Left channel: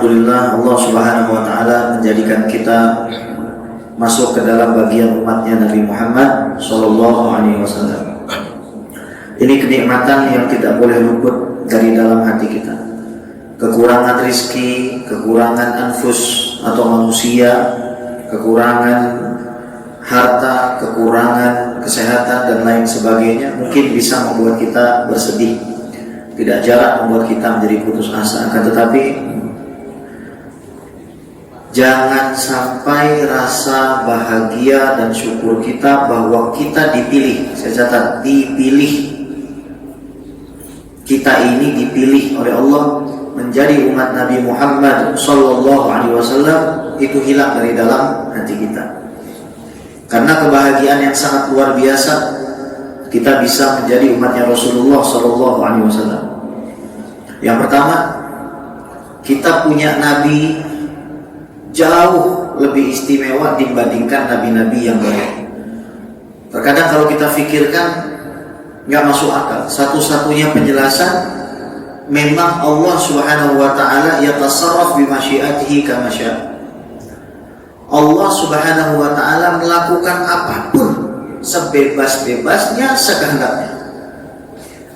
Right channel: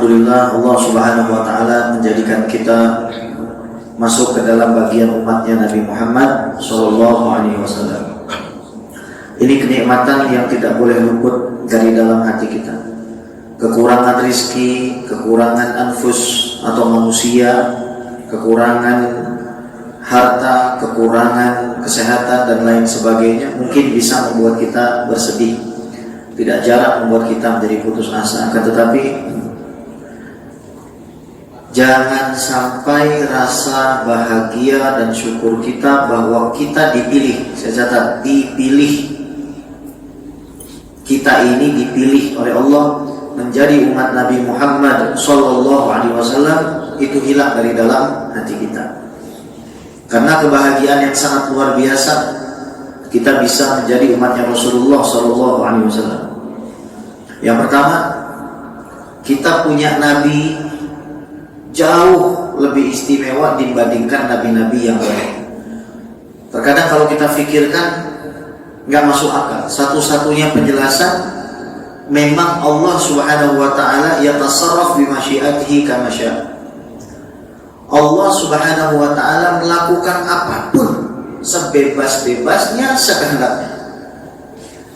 Alhamdulillah Allah Subhanahu wa taala menjadikan kita masuk ke dalam bagian umatnya Nabi Muhammad sallallahu alaihi wasallam. Ini kenikmatan yang tidak boleh luput dari dalam hati kita. Kekurangan rizki, kekurangan anfus atau manusia, kekurangan harta, kekurangan kesehatan dan lain sebagainya mungkin bisa membuat kita bersedih. Tidak jarang membuat kita menjadi putus asa. Akan tetapi jangan sampai rasa bahagia dan syukur kita bahwa kita dipilih. Saya catat, dipilih. Kita ini dipilih oleh Allah menjadi umat Nabi Muhammad sallallahu alaihi wasallam, itu hilang dari dalam hati kita. Karena kebahagiaan yang sangat luar biasa, kita bisa menjadi umatnya Rasulullah sallallahu alaihi wasallam. Yang pertama, kita punya nabi jauh lebih istimewa dibandingkan nabi-nabi yang lain. Terkadang kalau kita pikirkan nggak masuk akal. Satu-satunya penjelasan memang Allah Subhanahu wa taala yatasarraf bi masyiatihi kama syaa. Allah Subhanahu wa taala melakukan apapun sebebas-bebasnya, sekehendaknya.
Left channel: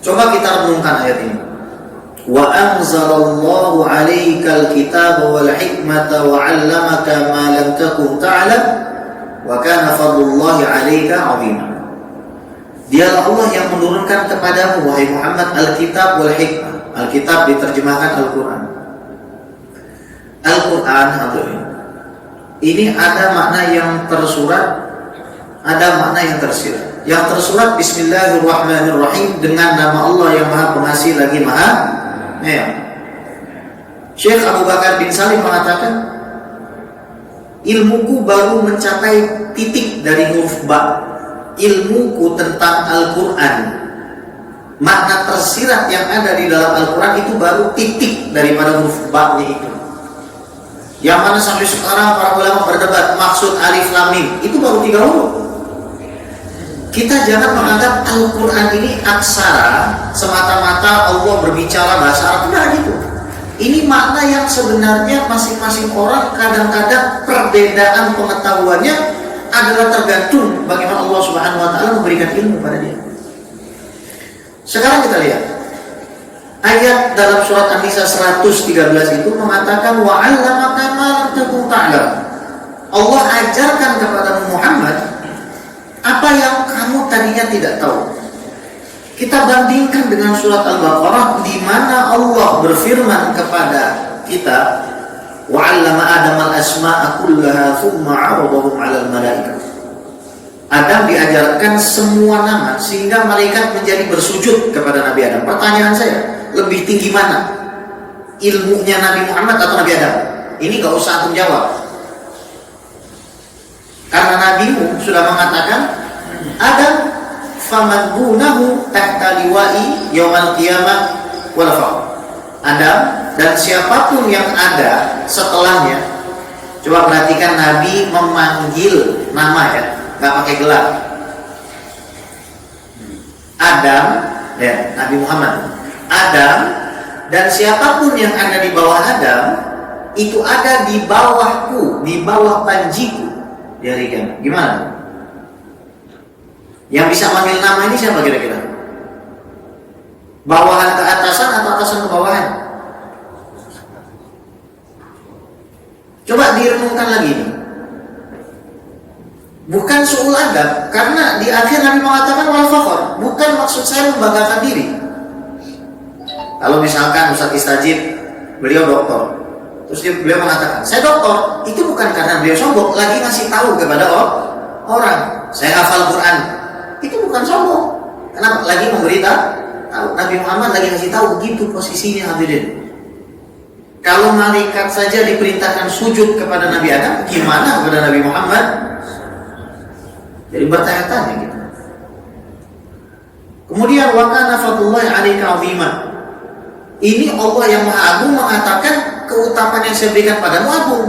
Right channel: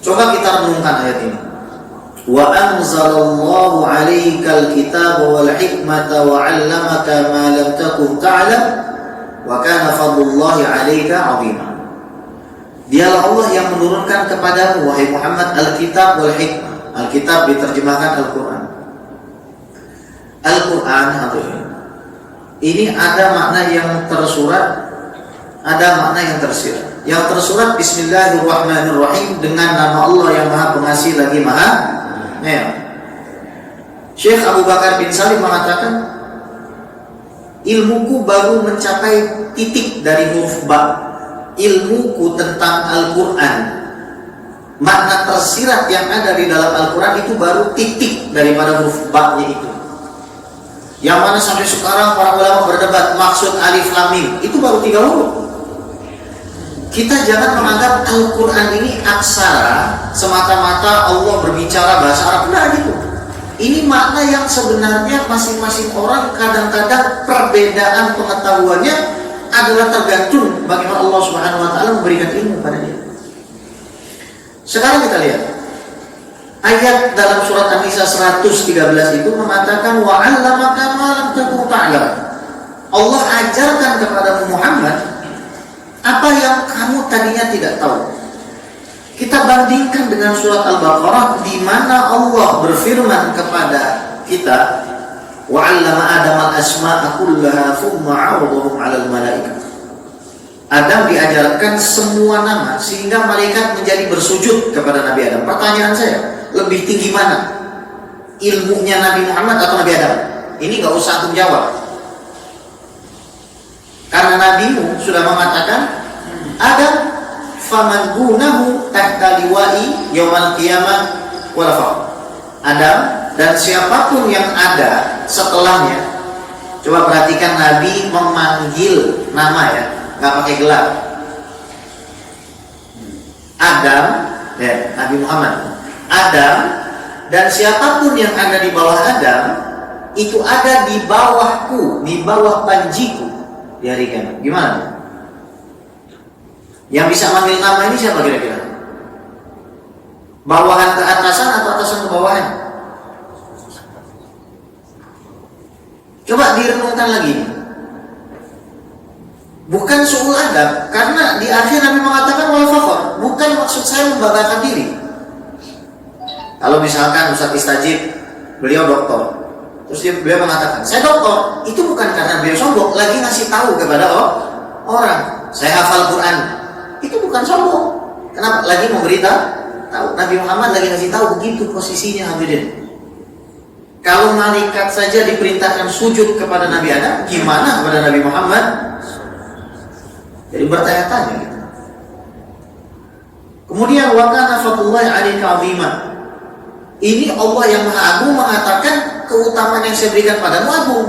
Coba kita renungkan ayat ini. Wa anzalallahu 'alaikal kitaba wal hikmata wa 'allamaka ma lam takun ta'lam wa kana fadlullahi 'alaika 'azima. Dialah Allah yang menurunkan kepadamu wahai Muhammad al-kitab wal hikmah. Al-kitab diterjemahkan Al-Qur'an. Al-Qur'an ini ada makna yang tersurat, ada makna yang tersirat. Yang tersurat Bismillahirrahmanirrahim, dengan nama Allah yang Maha Pengasih lagi Maha Penyayang. Syekh Abu Bakar bin Salim mengatakan, ilmuku baru mencapai titik dari huruf ba. Ilmuku tentang Al-Quran, makna tersirat yang ada di dalam Al-Quran itu baru titik daripada huruf ba-nya itu. Yang mana sampai sekarang para ulama berdebat maksud alif lam mim, itu baru 3 huruf. Kita jangan menganggap Al-Quran ini aksara semata-mata Allah berbicara bahasa Arab. Tidak gitu. Ini makna yang sebenarnya masing-masing orang kadang-kadang perbedaan pengetahuannya adalah tergantung bagaimana Allah Subhanahu wa taala memberikan ilmu pada dia. Sekarang kita lihat ayat dalam surat An-Nisa 113 itu mengatakan wa 'allamaka ma lam takun ta'lam. Allah ajarkan kepada Muhammad apa yang kamu tadinya tidak tahu. Kita bandingkan dengan surat Al-Baqarah di mana Allah berfirman kepada kita, wa 'allama Adam al-asma'a kullaha thumma 'aradahum 'alal malaikah. Adam diajarkan semua nama sehingga malaikat menjadi bersujud kepada Nabi Adam. Pertanyaan saya, lebih tinggi mana? Ilmunya Nabi Muhammad atau Nabi Adam? Ini gak usah antum jawab. Karena nabimu sudah mengatakan Adam faman gunahu tahta liwa'i yaumal qiyamah wal faqr. Adam dan siapapun yang ada setelahnya. Coba perhatikan Nabi memanggil nama ya, nggak pakai gelar. Adam, ya Nabi Muhammad. Adam dan siapapun yang ada di bawah Adam itu ada di bawahku, di bawah panjiku di hari kiamat. Gimana? Yang bisa manggil nama ini siapa kira-kira? Bawahan ke atasan atau atasan ke bawahan? Coba direnungkan lagi. Bukan su'ul adab, karena di akhir Nabi mengatakan wal fakhr. Bukan maksud saya membanggakan diri. Kalau misalkan Ustaz Istajib, beliau doktor, terus beliau mengatakan saya doktor, itu bukan karena beliau sombong, lagi ngasih tahu kepada orang saya hafal Quran. Itu bukan sombong. Kenapa? Lagi memberitahu. Nabi Muhammad lagi ngasih tahu, begitu posisinya hadirin. Kalau malaikat saja diperintahkan sujud kepada Nabi Adam, gimana kepada Nabi Muhammad? Jadi bertanya-tanya gitu. Kemudian wa kana fadlullahi 'alaika 'azima. Ini Allah yang Maha Agung mengatakan keutamaan yang saya berikan padamu agung.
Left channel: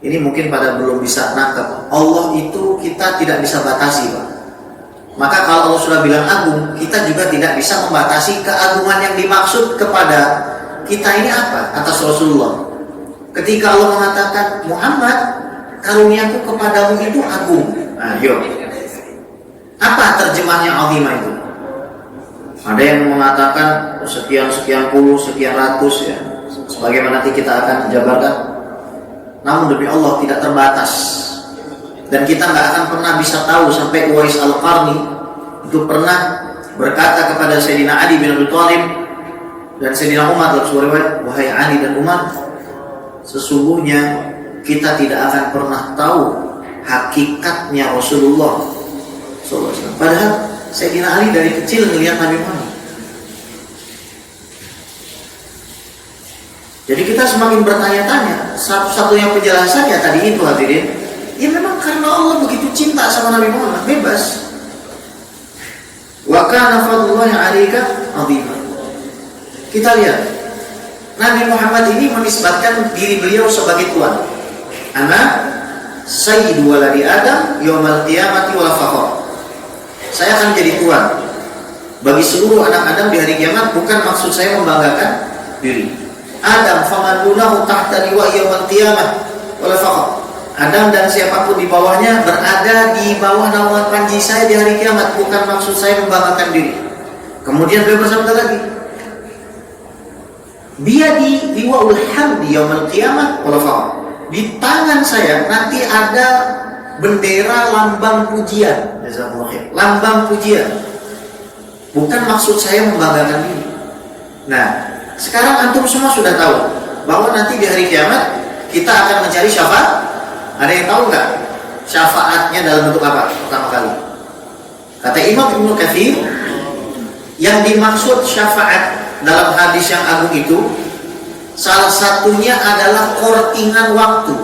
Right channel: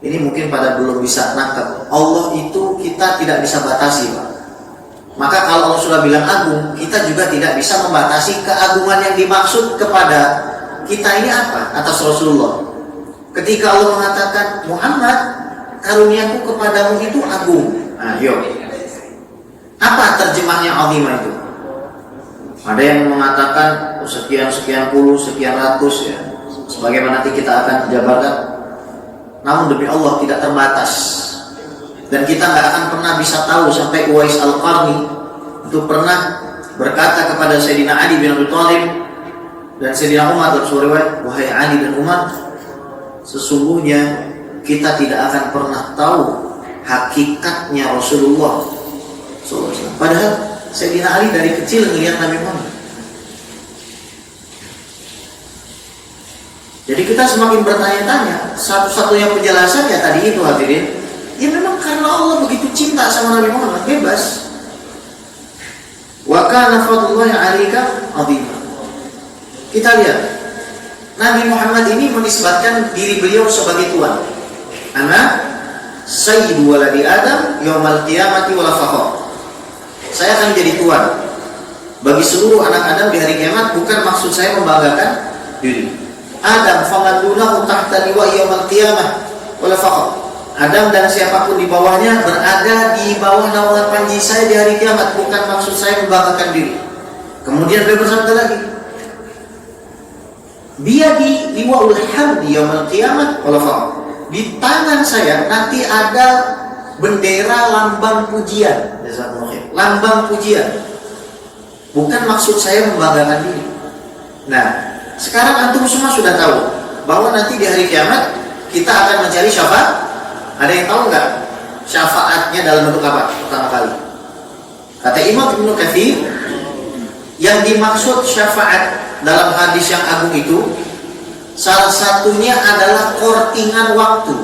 Ini mungkin pada belum bisa nangkep. Allah itu kita tidak bisa batasi, Pak. Maka kalau Allah sudah bilang agung, kita juga tidak bisa membatasi keagungan yang dimaksud kepada kita ini apa atas Rasulullah? Ketika Allah mengatakan, Muhammad, karuniaku kepadamu itu agung. Ayo, apa terjemahnya azimah itu? Ada yang mengatakan sekian puluh, sekian ratus ya, sebagaimana nanti kita akan jabarkan. Namun demi Allah tidak terbatas, dan kita nggak akan pernah bisa tahu sampai Uwais Al-Qarni itu pernah berkata kepada Sayyidina Ali bin Abi Thalib dan Sayyidina Umar dalam sebuah riwayat, wahai Ali dan Umar, sesungguhnya kita tidak akan pernah tahu hakikatnya Rasulullah SAW. Padahal Sayyidina Ali dari kecil melihat Nabi Muhammad. Jadi kita semakin bertanya-tanya. Satu-satunya penjelasannya tadi itu hadirin, ya memang karena Allah begitu cinta sama Nabi Muhammad, bebas. Wa kana fadlullahi 'alaika 'azima. Kita lihat Nabi Muhammad ini menisbatkan diri beliau sebagai tuan. Ana sayyidu waladi Adam yaumal qiyamati wala fakhr. Saya akan jadi tuan bagi seluruh anak Adam di hari kiamat, bukan maksud saya membanggakan diri. Adam faman dunahu tahta liwa yaumal qiyamah wala fakhr. Adam dan siapapun di bawahnya berada di bawah naungan panji saya di hari kiamat, bukan maksud saya membanggakan diri. Kemudian beliau bersabda lagi, biyadi liwaul hamdi yaumal qiyamah wala fakhr. Di tangan saya nanti ada bendera lambang pujian. Lambang pujian. Bukan maksud saya membanggakan diri. Nah, sekarang antum semua sudah tahu bahwa nanti di hari kiamat kita akan mencari syafaat. Ada yang tahu nggak syafaatnya dalam bentuk apa? Pertama kali, kata Imam Ibnu Katsir, yang dimaksud syafaat dalam hadis yang agung itu salah satunya adalah kortingan waktu.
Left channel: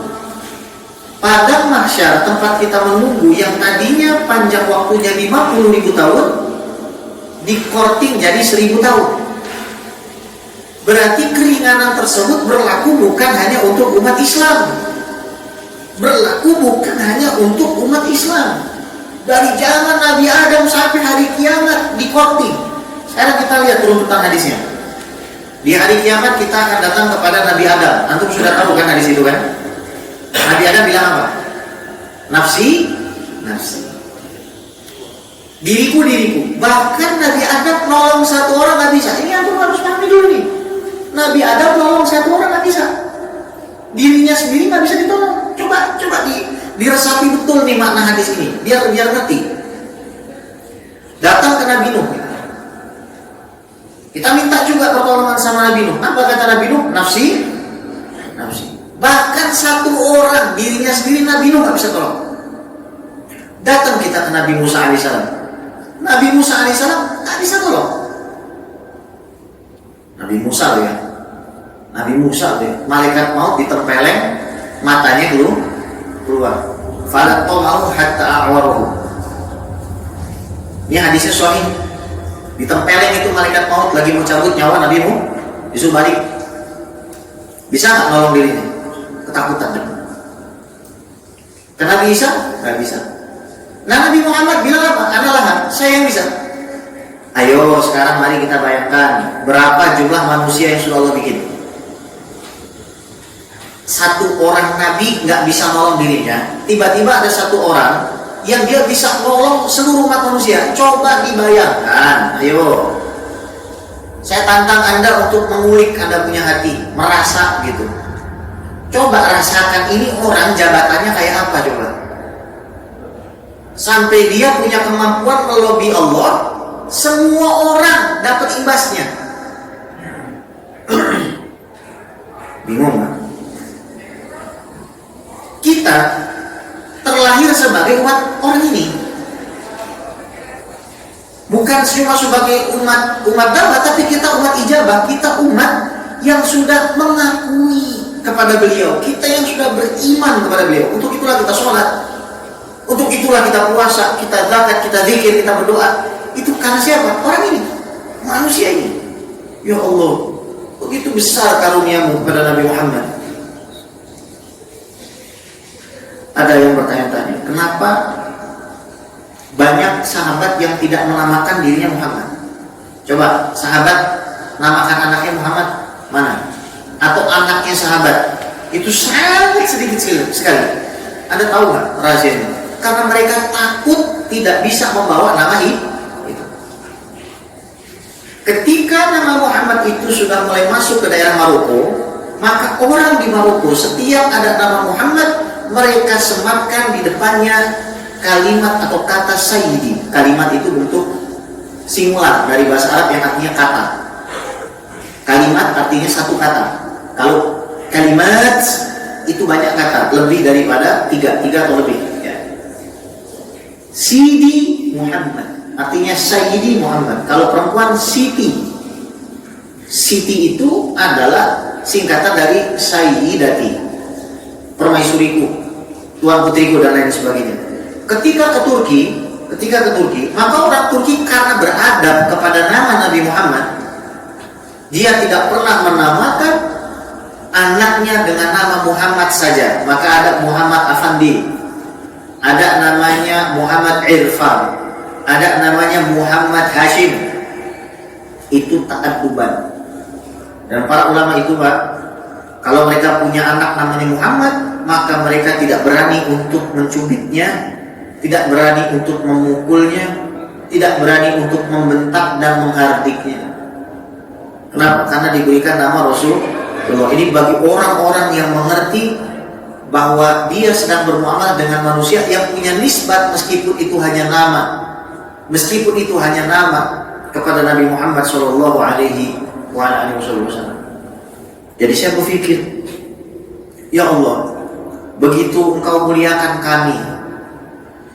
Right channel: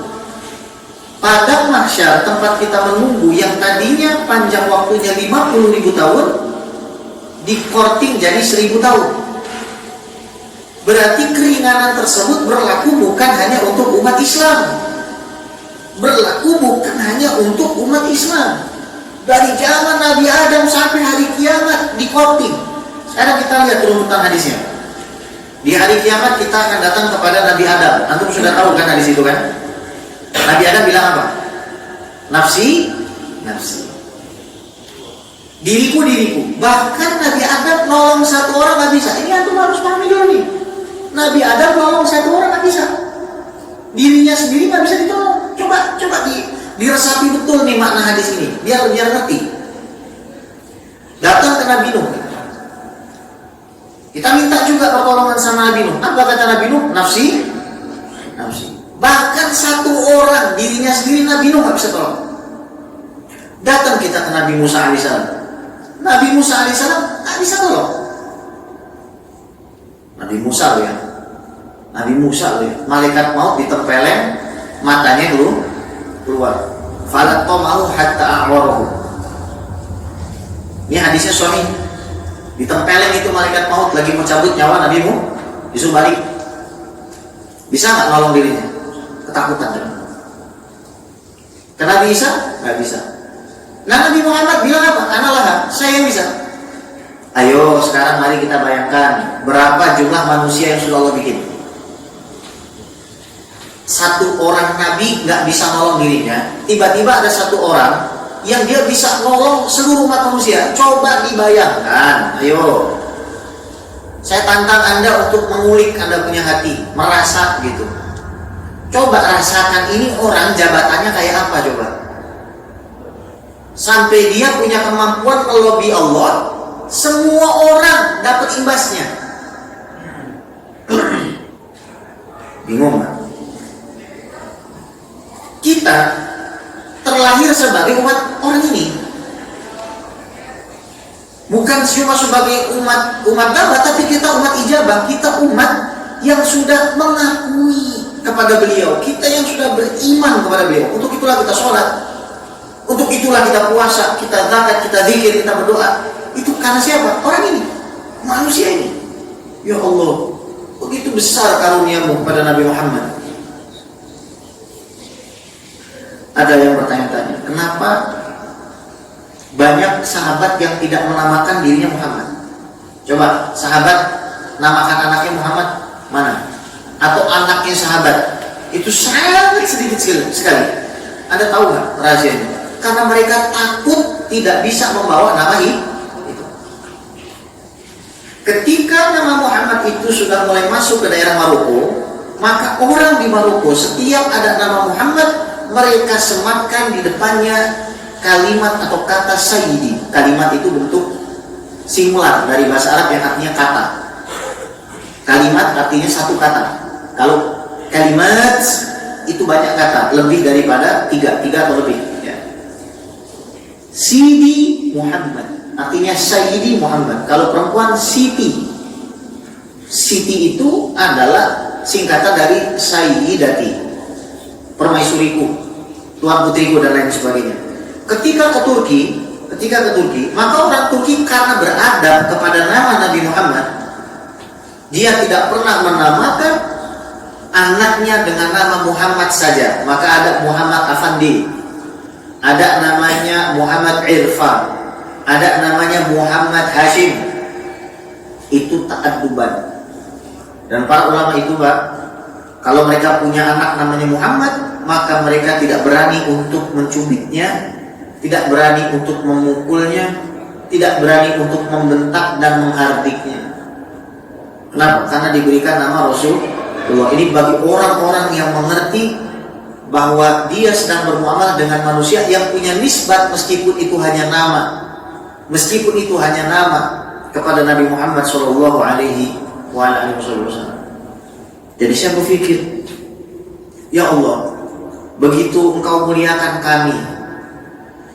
Pada mahsyar, tempat kita menunggu yang tadinya panjang waktunya 50.000 tahun, dikorting jadi 1.000 tahun. Berarti keringanan tersebut berlaku bukan hanya untuk umat Islam, berlaku bukan hanya untuk umat Islam. Dari zaman Nabi Adam sampai hari kiamat dikorting. Sekarang kita lihat runutan hadisnya. Di hari kiamat kita akan datang kepada Nabi Adam. Antum sudah tahu kan hadis itu kan? Nabi Adam bilang apa? Nafsi, nafsi. Diriku, diriku. Bahkan Nabi Adam nolong satu orang nggak bisa. Ini antum harus pahami dulu nih. Nabi Adam nolong satu orang nggak bisa. Dirinya sendiri nggak bisa ditolong. Coba diresapi betul nih makna hadis ini. Biar ngerti. Datang ke Nabi Nuh. Kita minta juga pertolongan sama Nabi Nuh. Apa kata Nabi Nuh? Nafsi, nafsi. Bahkan satu orang dirinya sendiri Nabi Nuh nggak bisa tolong. Datang kita ke Nabi Musa alaihissalam. Nabi Musa alaihissalam nggak bisa tolong. Nabi Musa ya. Nabi Musa ya. Malaikat maut ditempeleng, matanya dulu keluar. Falat mau hatta a'warahu. Ini hadisnya sahih. Ditempeleng itu malaikat maut lagi mencabut nyawa Nabi Nuh, disuruh balik. Bisa nggak nolong dirinya? Ketakutan kan? Nabi Isa nggak bisa. Nah Nabi Muhammad bilang apa? Analah, saya yang bisa. Ayo sekarang mari kita bayangkan berapa jumlah manusia yang sudah Allah bikin. Satu orang Nabi nggak bisa nolong dirinya, tiba-tiba ada satu orang yang dia bisa nolong seluruh umat manusia. Coba dibayangkan, ayo. Saya tantang Anda untuk mengulik Anda punya hati, merasa gitu. Coba rasakan ini orang jabatannya kayak apa coba. Sampai dia punya kemampuan melobi Allah, semua orang dapat imbasnya. Bingung nggak? Kita terlahir sebagai umat orang ini, bukan cuma sebagai umat dakwah, tapi kita umat ijabah, kita umat yang sudah mengakui kepada beliau, kita yang sudah beriman kepada beliau. Untuk itulah kita sholat, untuk itulah kita puasa, kita zakat, kita zikir, kita berdoa. Itu karena siapa? Orang ini, manusia ini. Ya Allah, begitu besar karuniamu pada Nabi Muhammad. Ada yang bertanya-tanya, kenapa banyak sahabat yang tidak menamakan dirinya Muhammad? Coba sahabat namakan anaknya Muhammad, Mana? Atau anaknya sahabat? Itu sangat sedikit sekali. Anda tahu nggak rahasianya? Karena mereka takut tidak bisa membawa nama itu. Ketika nama Muhammad itu sudah mulai masuk ke daerah Maroko, maka orang di Maroko setiap ada nama Muhammad, mereka sematkan di depannya kalimat atau kata Sayyidi. Kalimat itu bentuk singular dari bahasa Arab yang artinya kata. Kalimat artinya satu kata. Kalau kalimat itu banyak kata, lebih daripada tiga atau lebih. Ya. Sidi Muhammad artinya Sayyidi Muhammad. Kalau perempuan Siti. Siti itu adalah singkatan dari Sayyidati, permaisuriku, tuan putriku dan lain sebagainya. Ketika ke Turki, maka orang Turki karena beradab kepada nama Nabi Muhammad, dia tidak pernah menamakan anaknya dengan nama Muhammad saja. Maka ada Muhammad Afandi, ada namanya Muhammad Irfan, ada namanya Muhammad Hashim. Itu ta'adduban. Dan para ulama itu, Pak, kalau mereka punya anak namanya Muhammad, maka mereka tidak berani untuk mencubitnya, tidak berani untuk memukulnya, tidak berani untuk membentak dan menghardiknya. Kenapa? Karena diberikan nama Rasulullah. Ini bagi orang-orang yang mengerti bahwa dia sedang bermuamalah dengan manusia yang punya nisbat meskipun itu hanya nama, kepada Nabi Muhammad Shallallahu Alaihi Wasallam. Jadi saya berpikir, ya Allah, begitu Engkau muliakan kami,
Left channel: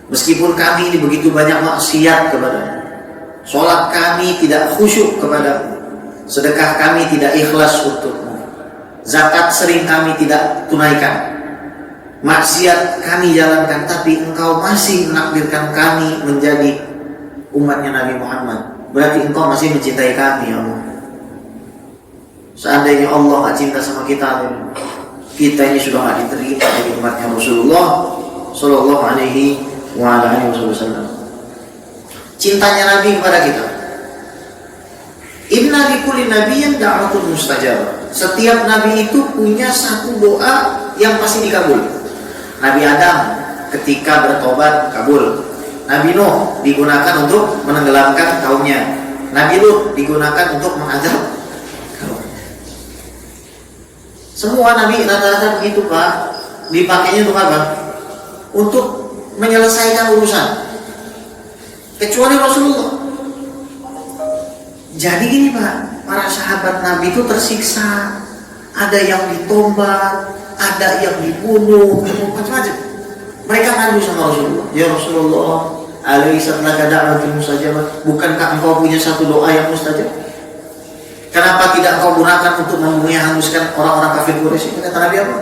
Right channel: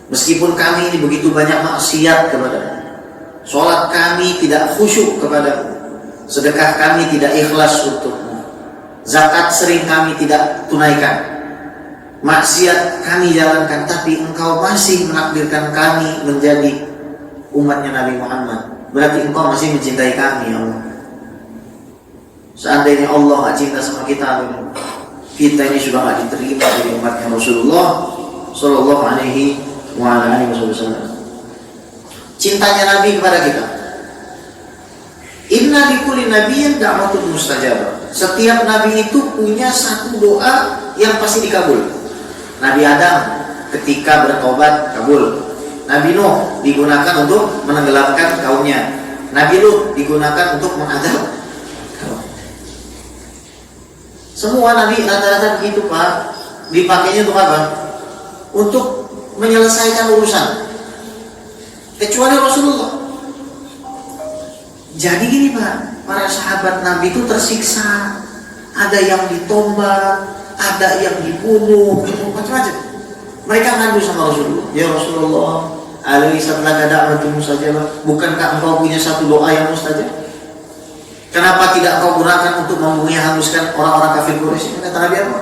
meskipun kami ini begitu banyak maksiat kepada-Mu, sholat kami tidak khusyuk kepada-Mu, sedekah kami tidak ikhlas untuk-Mu, zakat sering kami tidak tunaikan, maksiat kami jalankan, tapi Engkau masih menakdirkan kami menjadi umatnya Nabi Muhammad. Berarti Engkau masih mencintai kami, ya Allah. Seandainya Allah gak cinta sama kita ini sudah gak diterima dari umatnya Rasulullah Sallallahu Alaihi Wasallam. Cintanya Nabi kepada kita. Inna likulli nabiyyin da'watun mustajabah. Setiap Nabi itu punya satu doa yang pasti dikabul. Nabi Adam ketika bertobat kabul. Nabi Nuh digunakan untuk menenggelamkan kaumnya. Nabi Lut digunakan untuk mengadab. Semua Nabi rata-rata begitu, Pak. Dipakainya untuk apa? Untuk menyelesaikan urusan. Kecuali Rasulullah. Jadi gini, Pak, para sahabat Nabi itu tersiksa. Ada yang ditombak, ada yang dibunuh, macam-macam. Mereka ngadu sama Rasulullah. Ya Rasulullah, alaisa laka da'watun mustajabah. Bukankah engkau punya satu doa yang mustajab? Kenapa tidak kau gunakan untuk hanguskan orang-orang kafir Quraisy? Kata Nabi apa?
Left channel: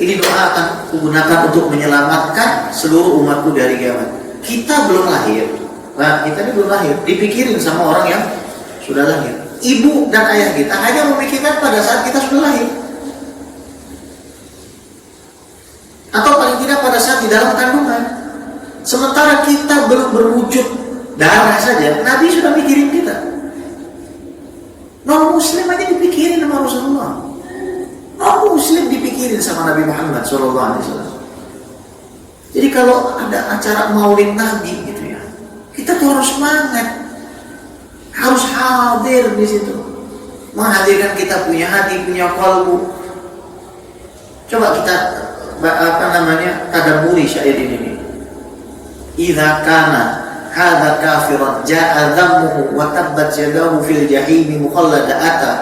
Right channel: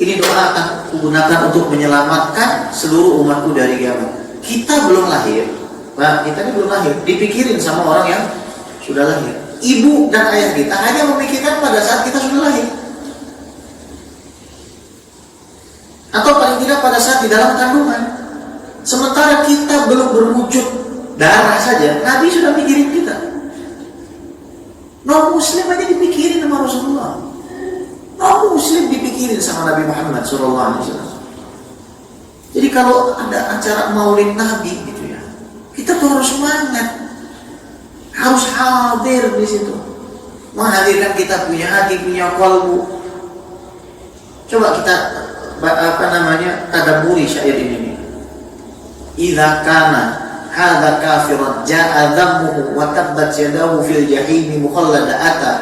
Ini doa akan kugunakan untuk menyelamatkan seluruh umatku dari kiamat. Kita belum lahir. Nah, kita ini belum lahir. Dipikirin sama orang yang sudah lahir. Ibu dan ayah kita hanya memikirkan pada saat kita sudah lahir. Atau paling tidak pada saat di dalam kandungan. Sementara kita belum berwujud darah saja, Nabi sudah mikirin kita. Non-Muslim aja dipikirin sama Rasulullah. Non-Muslim dipikirin sama Nabi Muhammad SAW. Jadi kalau ada acara maulid Nabi gitu ya, kita tuh harus semangat, harus hadir di situ, menghadirkan kita punya hati, punya kalbu. Coba kita tadabburi syair ini. Idza kana hadza kafiran jaa dhammuhu wa tabbat yadahu fil jahim mukhallada ata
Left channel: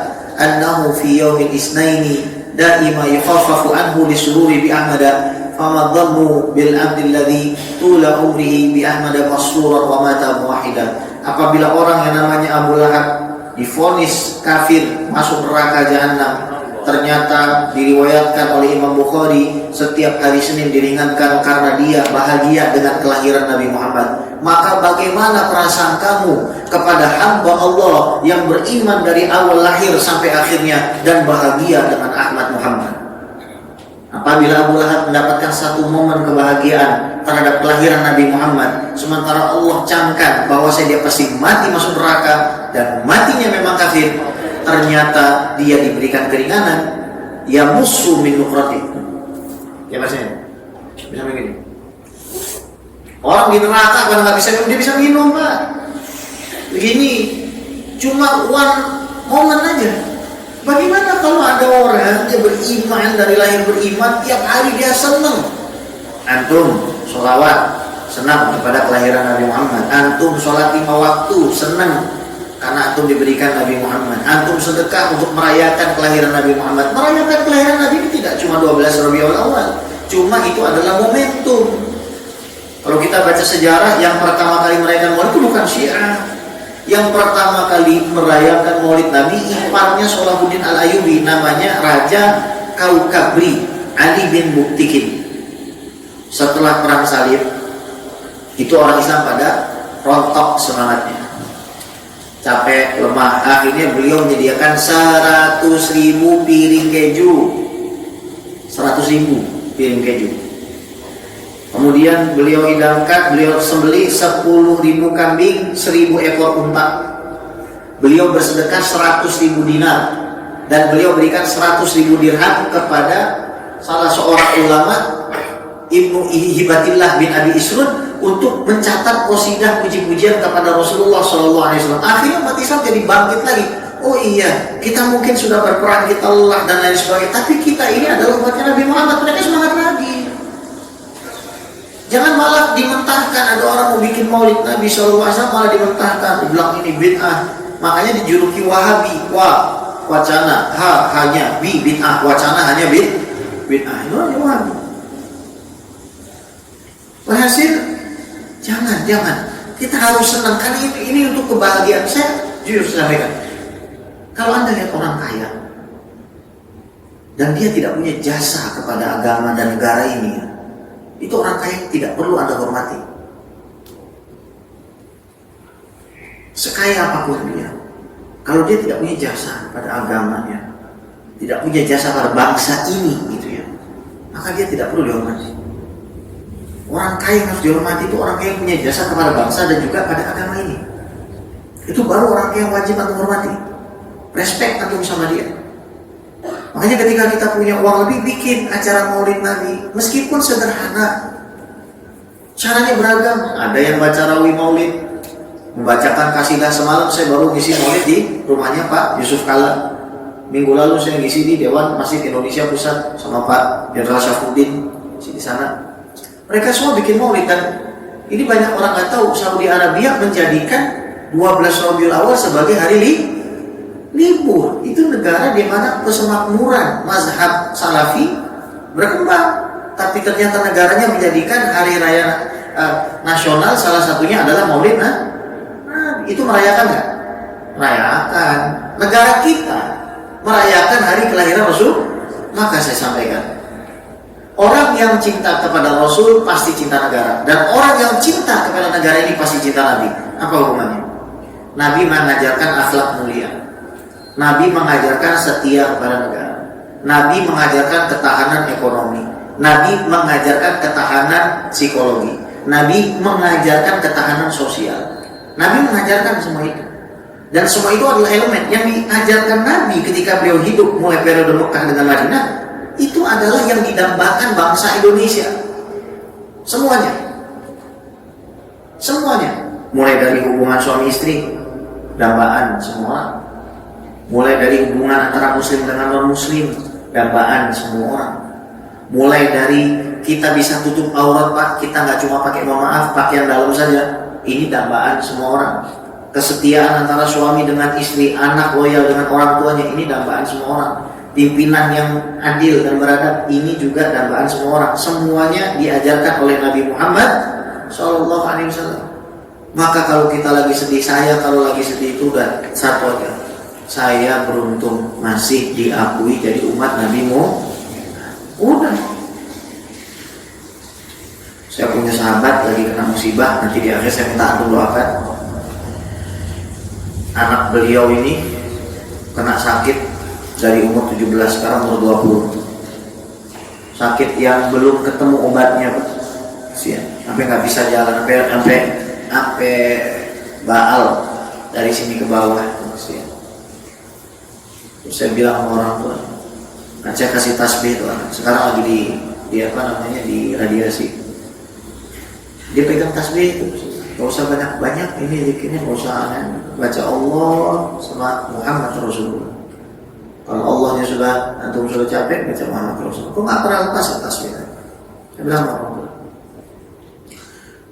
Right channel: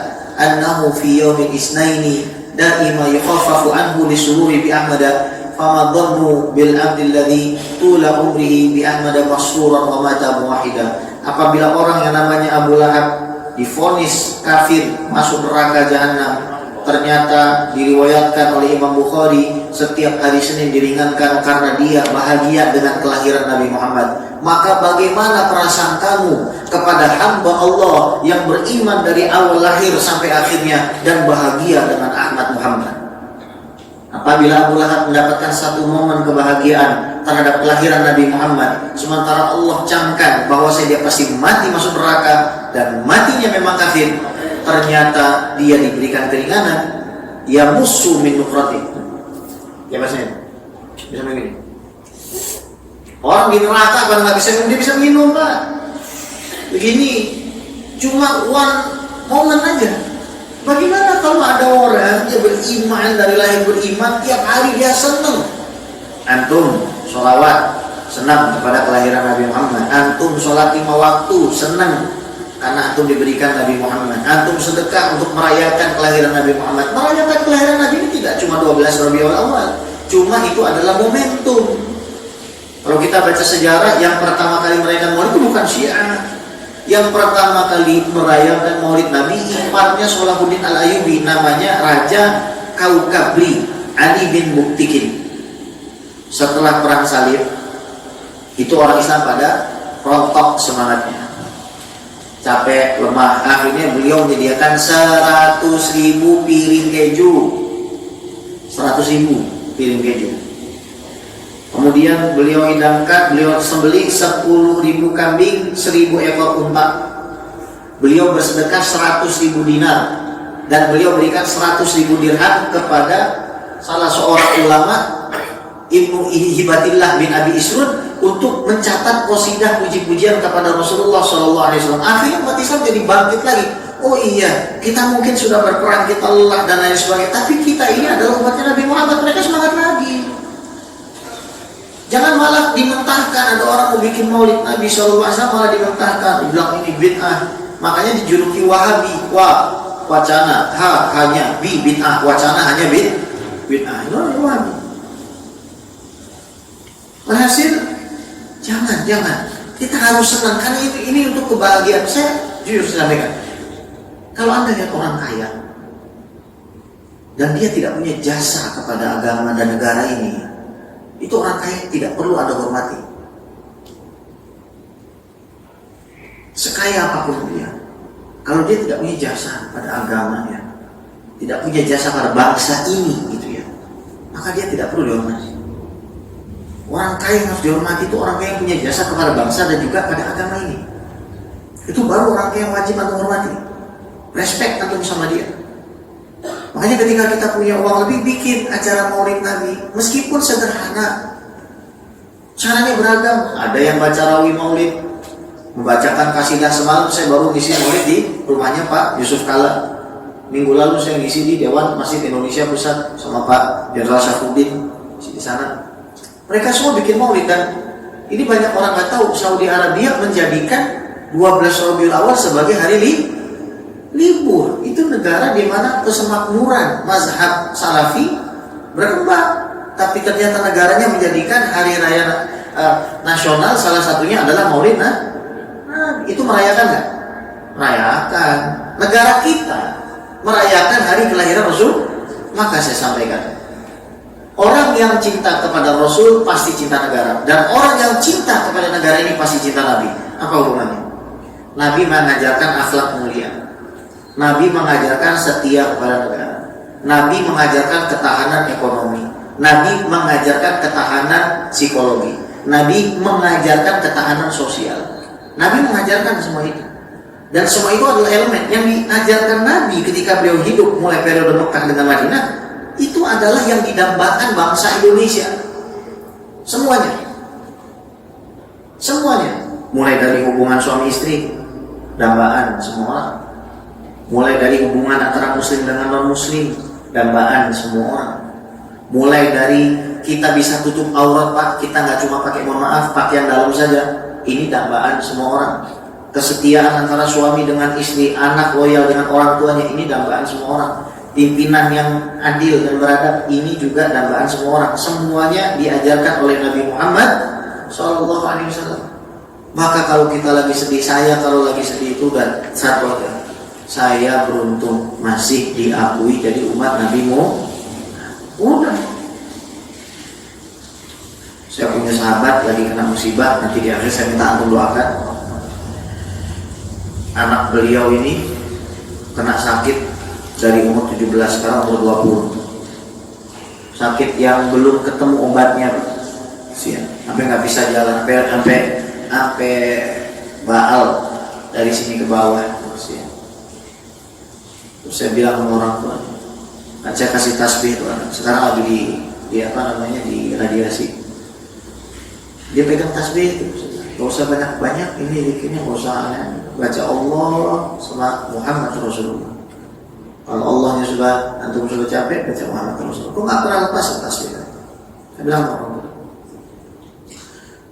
annahu fi yawmin isnaini daima yukhaffafu anhu lisururi bi ahmada fama dhannu bil abdi alladhi tula umrihi bi ahmada masuran wa mata muwahidan. Apabila orang yang namanya Abu Lahab divonis kafir masuk neraka jahanam, ternyata diriwayatkan oleh Imam Bukhari setiap hari Senin diringankan karena dia bahagia dengan kelahiran Nabi Muhammad. Maka bagaimana perasaan kamu kepada hamba Allah yang beriman dari awal lahir sampai akhirnya dan bahagia dengan Ahmad Muhammad? Apabila Abu Lahab mendapatkan satu momen kebahagiaan terhadap kelahiran Nabi Muhammad, sementara Allah camkan bahwa dia pasti mati masuk neraka dan matinya memang kafir, ternyata dia diberikan keringanan, ya musuh min nukratik. Ya bahasanya bisa begini. Orang di neraka kalau nggak bisa minum, dia bisa minum Pak. Begini, cuma one moment aja. Bagaimana kalau ada orang yang beriman dari lahir beriman, tiap hari dia senang. Antum sholawat, senang kepada kelahiran Nabi Muhammad. Antum sholat 5 waktu, senang karena antum diberikan Nabi Muhammad. Antum sedekah untuk merayakan kelahiran Nabi Muhammad. Merayakan kelahiran Nabi ini tidak cuma 12 Rabiul Awal, cuma itu adalah momentum. Kalau kita baca sejarah, yang pertama kali merayakan Maulid itu bukan Syiah. Yang pertama kali merayakan Maulid Nabi, iparnya Salahuddin Al-Ayyubi, namanya Raja Kaukabri Ali bin Buktikin. Setelah perang salib, itu orang Islam pada rontok semangatnya, capek, lemah. Akhirnya beliau menyediakan 100.000 piring keju, 100.000 piring keju. Kemudian beliau hidangkan, beliau sembelih 10.000 kambing, 1.000 ekor unta. Beliau bersedekah 100.000 dinar, dan beliau berikan 100.000 dirham kepada salah seorang ulama, Ibnu Hibatillah bin Abi Isrun, untuk mencatat qasidah puji-pujian kepada Rasulullah SAW. Akhirnya umat Islam jadi bangkit lagi. Oh iya, kita mungkin sudah berperang, kita lelah dan lain sebagainya, tapi kita ini adalah umatnya Nabi Muhammad. Mereka semangat lagi. Jangan malah dimentahkan. Ada orang mau bikin Maulid Nabi SAW malah dimentahkan, dibilang ini bid'ah. Makanya dijuluki Wahabi. Wacana hanya bid'ah, wacana hanya bid'ah. Itu Wahabi. Berhasil, jangan. Kita harus senang karena ini untuk kebahagiaan. Saya jujur sampaikan, kalau Anda lihat orang kaya dan dia tidak punya jasa kepada agama dan negara ini, itu orang kaya tidak perlu Anda hormati. Sekaya apapun dia, kalau dia tidak punya jasa pada agamanya, tidak punya jasa pada bangsa ini, gitu ya, maka dia tidak perlu dihormati. Orang kaya yang harus dihormati itu orang kaya yang punya jasa kepada bangsa dan juga pada agama ini. Itu baru orang kaya yang wajib Anda hormati. Respect antum sama dia. Makanya ketika kita punya uang lebih, bikin acara Maulid Nabi, meskipun sederhana, caranya beragam. Ada yang baca rawi Maulid, membacakan kasidah. Semalam saya baru ngisi Maulid di rumahnya Pak Yusuf Kala. Minggu lalu saya ngisi di Dewan Masjid Indonesia Pusat sama Pak Jenderal Syafuddin di sana. Mereka semua bikin Maulid, dan ini banyak orang nggak tahu, Saudi Arabia menjadikan 12 Rabiul Awal sebagai hari libur. Itu negara di mana kesemakmuran mazhab Salafi berkembang, tapi ternyata negaranya menjadikan hari raya nasional salah satunya adalah Maulid. Itu merayakan nggak? Merayakan. Negara kita merayakan hari kelahiran Rasul. Maka saya sampaikan, orang yang cinta kepada Rasul pasti cinta negara, dan orang yang cinta kepada negara ini pasti cinta Nabi. Apa hubungannya? Nabi mengajarkan akhlak mulia. Nabi mengajarkan setia kepada negara. Nabi mengajarkan ketahanan ekonomi. Nabi mengajarkan ketahanan psikologi. Nabi mengajarkan ketahanan sosial. Nabi mengajarkan semua itu. Dan semua itu adalah elemen yang diajarkan Nabi ketika beliau hidup mulai periode Mekah dengan Madinah. Itu adalah yang didambakan bangsa Indonesia. Semuanya. Mulai dari hubungan suami istri, dambaan semua orang. Mulai dari hubungan antara muslim dengan non-muslim, dambaan semua orang. Mulai dari kita bisa tutup aurat Pak, kita nggak cuma pakai, mohon maaf, pakaian dalam saja. Ini dambaan semua orang. Kesetiaan antara suami dengan istri, anak loyal dengan orang tuanya, ini dambaan semua orang. Pimpinan yang adil dan beradab, ini juga dambaan semua orang. Semuanya diajarkan oleh Nabi Muhammad SAW. Maka kalau kita lagi sedih, saya kalau lagi sedih itu udah satu aja, saya beruntung masih diakui jadi umat Nabi Muhammad. Udah. Saya punya sahabat lagi kena musibah, nanti di akhir saya minta antum doakan. Anak beliau ini kena sakit dari umur 17 sekarang umur 20. Sakit yang belum ketemu obatnya, sampai nggak bisa jalan, sampai baal dari sini ke bawah. Terus saya bilang sama orang tua, saya kasih tasbih tuh anak. Sekarang lagi di di radiasi. Dia pegang tasbih itu, gak usah banyak-banyak, ini zikirnya gak usah baca Allah sama Muhammad Rasulullah. Kalau Allahnya antum sudah capek, baca Muhammad Rasulullah. Kok gak pernah lepas tasbih? Saya bilang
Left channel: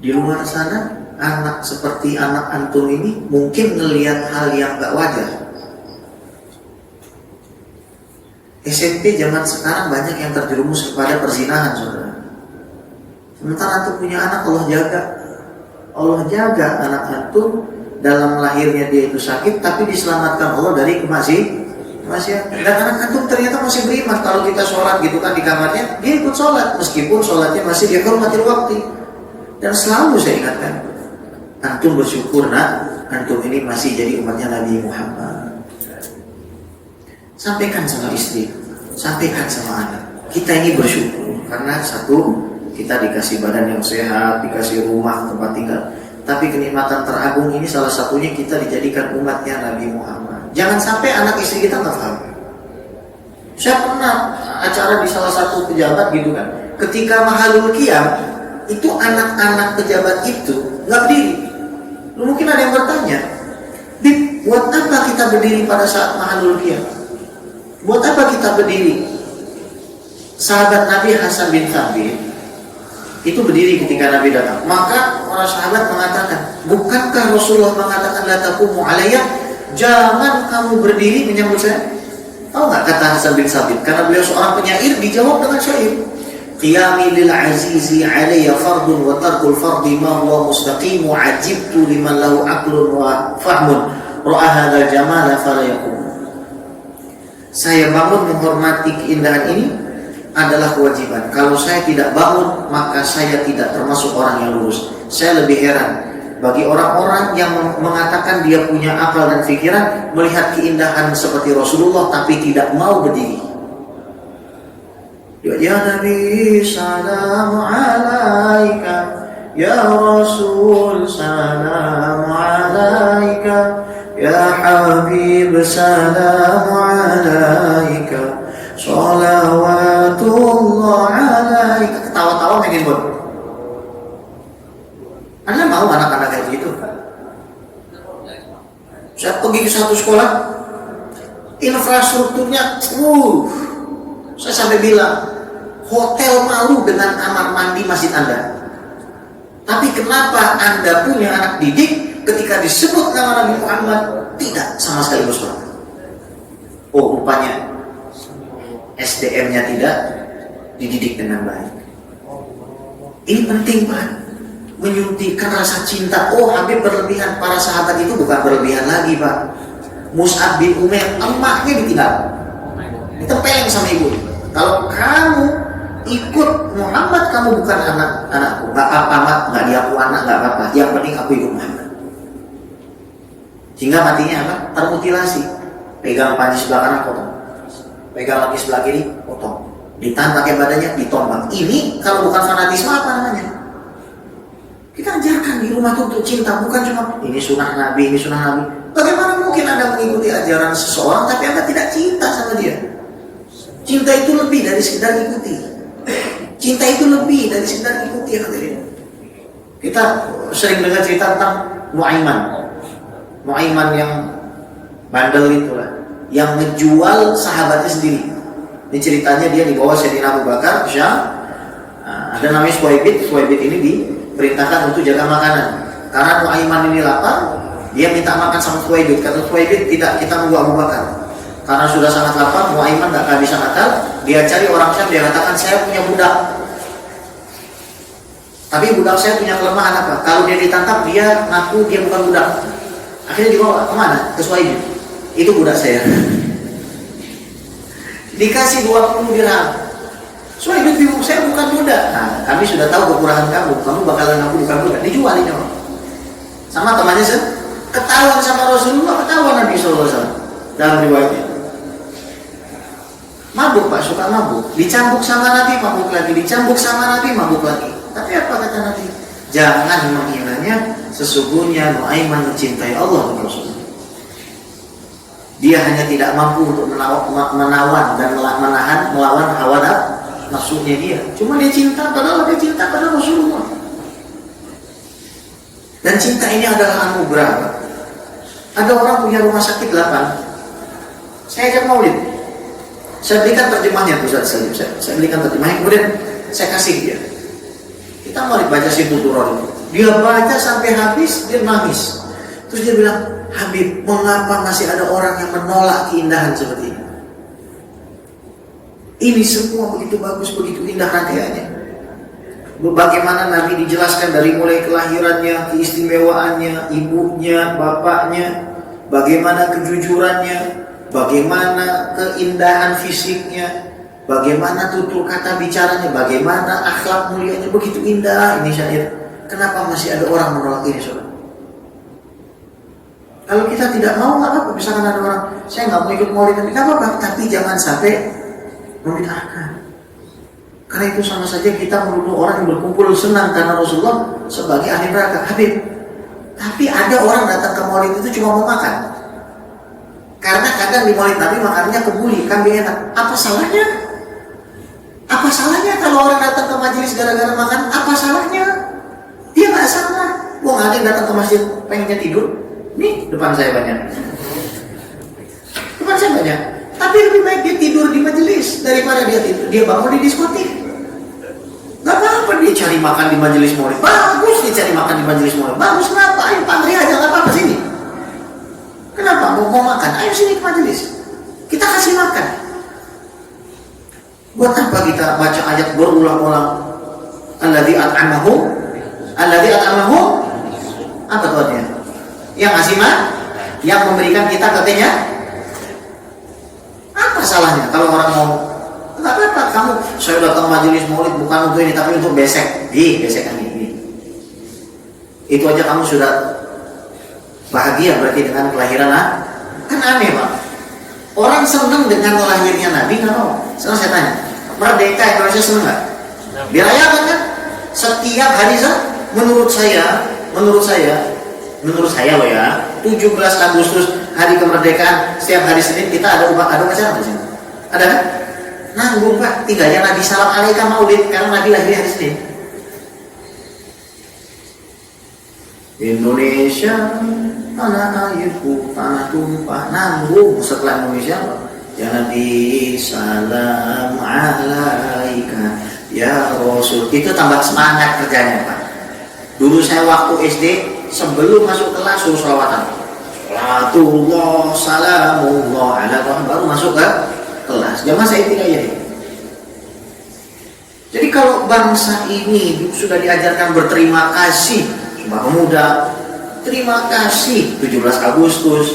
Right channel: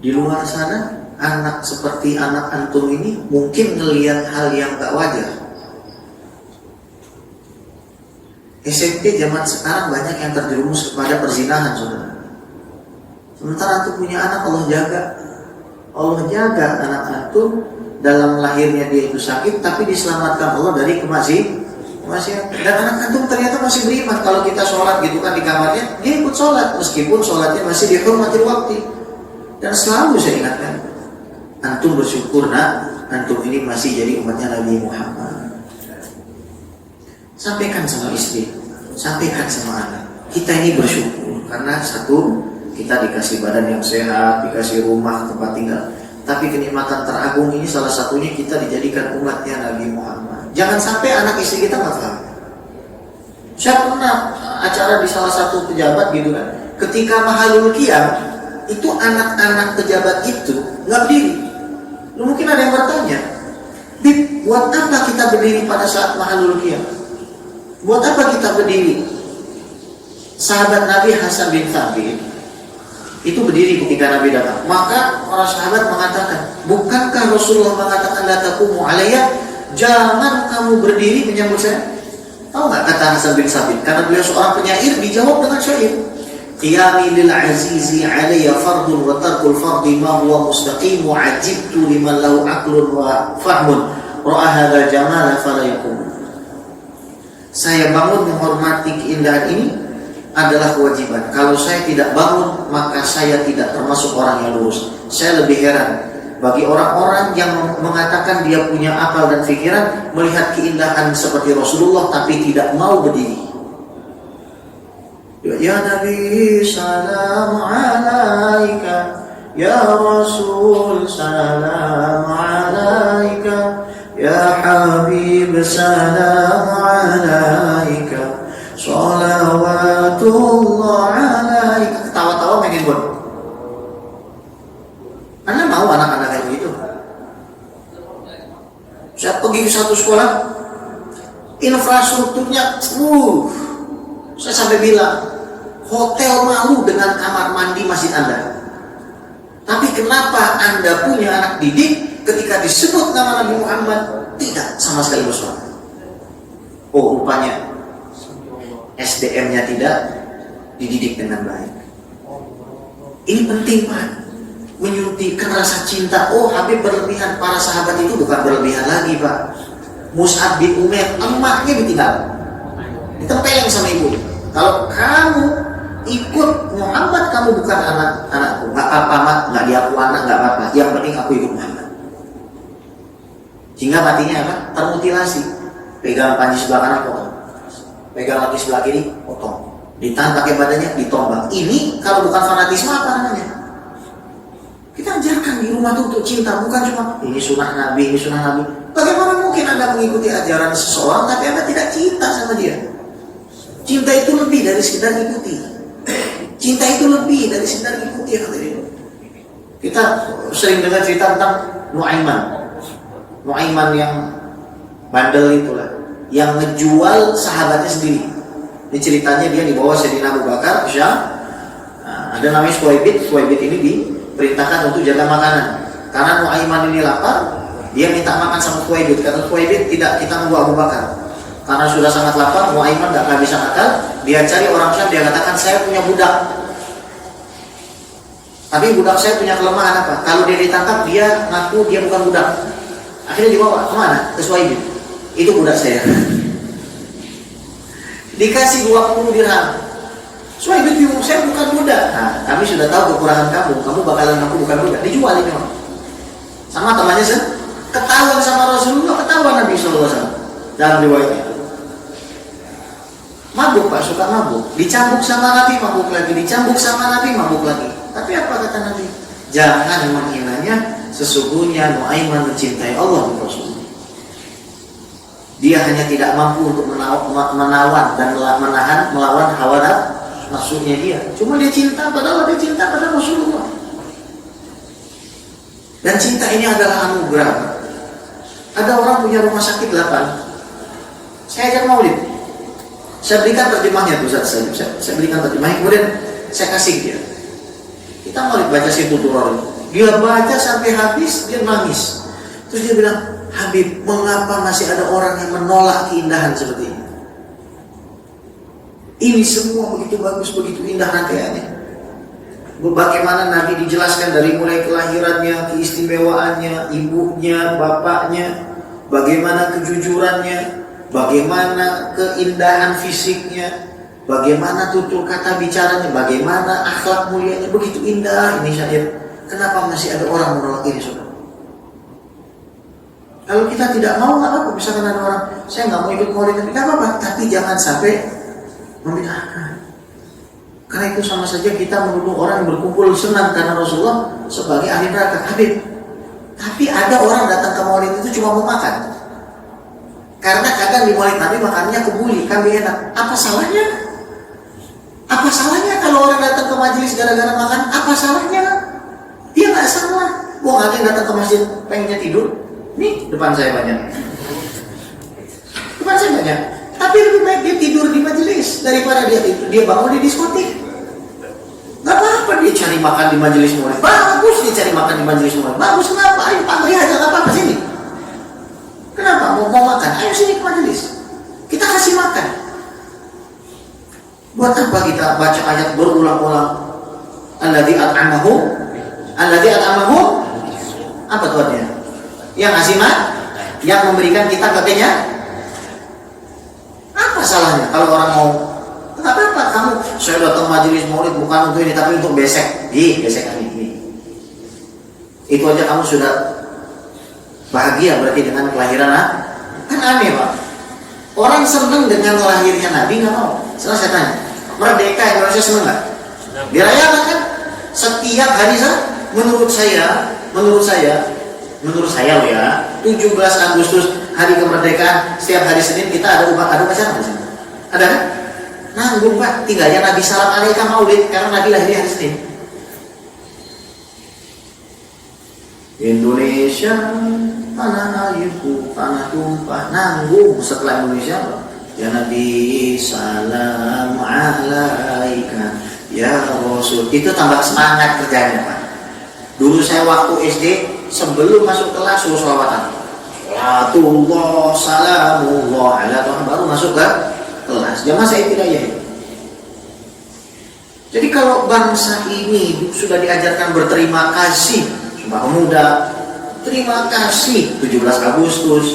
di luar sana anak seperti anak antum ini mungkin ngelihat hal yang gak wajar. SMP zaman sekarang banyak yang terjerumus kepada perzinahan, saudara. Sementara antum punya anak, Allah jaga anak antum. Dalam lahirnya dia itu sakit, tapi diselamatkan Allah dari kemaksiatan. Dan anak antum ternyata masih beriman. Kalau kita sholat gitu kan di kamarnya, dia ikut sholat meskipun sholatnya masih dihormati waktu. Dan selalu saya ingatkan, antum bersyukur nak, antum ini masih jadi umatnya Nabi Muhammad. Sampaikan sama istri, sampaikan sama anak. Kita ini bersyukur karena satu, kita dikasih badan yang sehat, dikasih rumah, tempat tinggal. Tapi kenikmatan teragung ini salah satunya kita dijadikan umatnya Nabi Muhammad. Jangan sampai anak istri kita nggak paham. Saya pernah acara di salah satu pejabat gitu kan. Ketika Mahalul Qiyam, itu anak-anak pejabat itu nggak berdiri. Mungkin ada yang bertanya, Bib, buat apa kita berdiri pada saat Mahalul Qiyam? Buat apa kita berdiri? Sahabat Nabi Hasan bin Thabit itu berdiri ketika Nabi datang. Maka para sahabat mengatakan, bukankah Rasulullah mengatakan la taqumu alayya? Jangan kamu berdiri menyambut saya. Tahu nggak kata Hasan bin Thabit? Karena beliau seorang penyair, dijawab dengan syair. Qiyami lil azizi alayya fardun wa tarkul fardi ma huwa mustaqim wa ajibtu liman lahu aqlun wa fahmun ra'a hadzal jamala fala yaqum. Saya bangun menghormati keindahan ini adalah kewajiban. Kalau saya tidak bangun, maka saya tidak termasuk orang yang lurus. Saya lebih heran bagi orang-orang yang mengatakan dia punya akal dan pikiran, melihat keindahan seperti Rasulullah tapi tidak mau berdiri. Ya Nabi salam alaika, ya Rasul salam alaika, ya Habib salam alaika, salawatullah alaika. Ketawa-tawa makin buat. Anda mau anak-anak kayak gitu? Saya pergi ke satu sekolah, infrastrukturnya, saya sampai bilang, hotel malu dengan kamar mandi masjid Anda. Tapi kenapa Anda punya anak didik ketika disebut nama Nabi Muhammad tidak sama sekali bersorak? Oh, rupanya SDM-nya tidak dididik dengan baik. Ini penting, Pak. Menyuntikkan rasa cinta. Oh, Habib berlebihan. Para sahabat itu bukan berlebihan lagi, Pak. Mus'ab bin Umair, emaknya ditinggal, ditempelin sama ibu. Kalau kamu ikut Muhammad, kamu bukan anakku. Gak apa-apa, mak. Gak diaku anak, gak apa-apa. Yang penting aku ikut Muhammad. Hingga matinya apa? Termutilasi. Pegang panji sebelah kanan, potong. Pegang lagi sebelah kiri, potong. Ditahan pakai badannya, ditombak. Ini kalau bukan fanatisme apa namanya? Kita ajarkan di rumah itu untuk cinta, bukan cuma ini sunnah Nabi, ini sunnah Nabi. Bagaimana mungkin Anda mengikuti ajaran seseorang tapi Anda tidak cinta sama dia? Cinta itu lebih dari sekedar ikuti. Cinta itu lebih dari sekedar ikuti, hadirin. Kita sering dengar cerita tentang Nuaiman yang bandel itulah, yang ngejual sahabatnya sendiri. Ini ceritanya dia dibawa Sayyidina Abu Bakar ke Syam. Ada namanya Suwaibid ini diperintahkan untuk jaga makanan. Karena Nuaiman ini lapar, dia minta makan sama Suwaibid. Kata Suwaibid, tidak, kita nunggu Abu Bakar. Karena sudah sangat lapar, Nuaiman gak kehabisan akal. Dia cari orang Syam, dia katakan, saya punya budak. Tapi budak saya punya kelemahan apa? Kalau dia ditangkap, dia ngaku dia bukan budak. Akhirnya dibawa kemana? Ke Suwaibid. Itu budak saya. Dikasih 20 dirham. Suwaibid bingung, saya bukan budak. Nah, kami sudah tahu kekurangan kamu. Kamu bakalan ngaku bukan budak. Dijual ini orang. Sama temannya ketahuan sama Rasulullah, ketahuan Nabi SAW. Dalam riwayatnya. Mabuk, Pak, suka mabuk. Dicambuk sama Nabi, mabuk lagi. Dicambuk sama Nabi, mabuk lagi. Tapi apa kata Nabi? Jangan menghinanya, sesungguhnya Nuaiman mencintai Allah dan Rasulullah. Dia hanya tidak mampu untuk menawan dan melawan hawa nafsunya dia. Cuma dia cinta pada Rasulullah. Dan cinta ini adalah anugerah. Ada orang punya rumah sakit 8. Saya ajak maulid. Saya berikan terjemahnya Ustaz Salim. Saya berikan terjemahnya, kemudian saya kasih dia. Kita maulid baca situ turun itu. Dia baca sampai habis, dia nangis. Terus dia bilang, Habib, mengapa masih ada orang yang menolak keindahan seperti ini? Ini semua begitu bagus, begitu indah rangkaiannya. Bagaimana Nabi dijelaskan dari mulai kelahirannya, keistimewaannya, ibunya, bapaknya, bagaimana kejujurannya, bagaimana keindahan fisiknya, bagaimana tutur kata bicaranya, bagaimana akhlak mulianya, begitu indah ini syahid. Kenapa masih ada orang menolak ini, saudara? Kalau kita tidak mau, nggak apa-apa. Misalkan ada orang, saya nggak mau ikut maulid, nggak apa-apa. Tapi jangan sampai membid'ahkan. Karena itu sama saja kita menuduh orang yang berkumpul senang karena Rasulullah sebagai ahli neraka. Habib. Tapi ada orang datang ke maulid itu cuma mau makan. Karena kadang di maulid Nabi makannya kebuli, kambing enak. Apa salahnya? Apa salahnya kalau orang datang ke majelis gara-gara makan? Apa salahnya? Dia nggak salah. Wong ada yang datang ke masjid pengennya tidur. Nih, depan saya banyak. Depan saya banyak. Tapi lebih baik dia tidur di majelis daripada dia bangun di diskotik. Gak apa-apa dia cari makan di majelis maulid. Bagus dia cari makan di majelis maulid. Bagus, kenapa? Ayo pantri aja, gak apa-apa sini. Kenapa? Mau makan? Ayo sini ke majelis. Kita kasih makan. Buat apa kita baca ayat berulang-ulang? Alladzi at'amahu. Apa tuh artinya? Yang ngasih yang memberikan kita katanya. Apa salahnya kalau orang mau? Nggak apa-apa, kamu saya datang majelis maulid bukan untuk ini tapi untuk besek yang ini. Itu aja kamu sudah bahagia berarti dengan kelahiran kan aneh Pak. Orang senang dengan lahirnya Nabi nggak mau. Sekarang saya tanya, merdeka Indonesia senang nggak? Dirayakan kan? Setiap hari menurut saya loh ya, 17 Agustus hari kemerdekaan, setiap hari Senin kita ada acara di sini. Ada kan? Nanggung Pak, tinggalnya Nabi salam alaika maulid karena Nabi lahir hari Senin. Indonesia, tanah airku, tanah tumpah, nanggung setelah Indonesia. Ya Nabi salam alaika ya Rasul. Itu tambah semangat kerjanya Pak. Dulu saya waktu SD sebelum masuk kelas suruh sholawatan. Salatullah salamullah ala Tuhan baru masuk ke kelas. Jamaah saya tidak ya. Jadi kalau bangsa ini sudah diajarkan berterima kasih, Sumpah Pemuda, terima kasih 17 Agustus,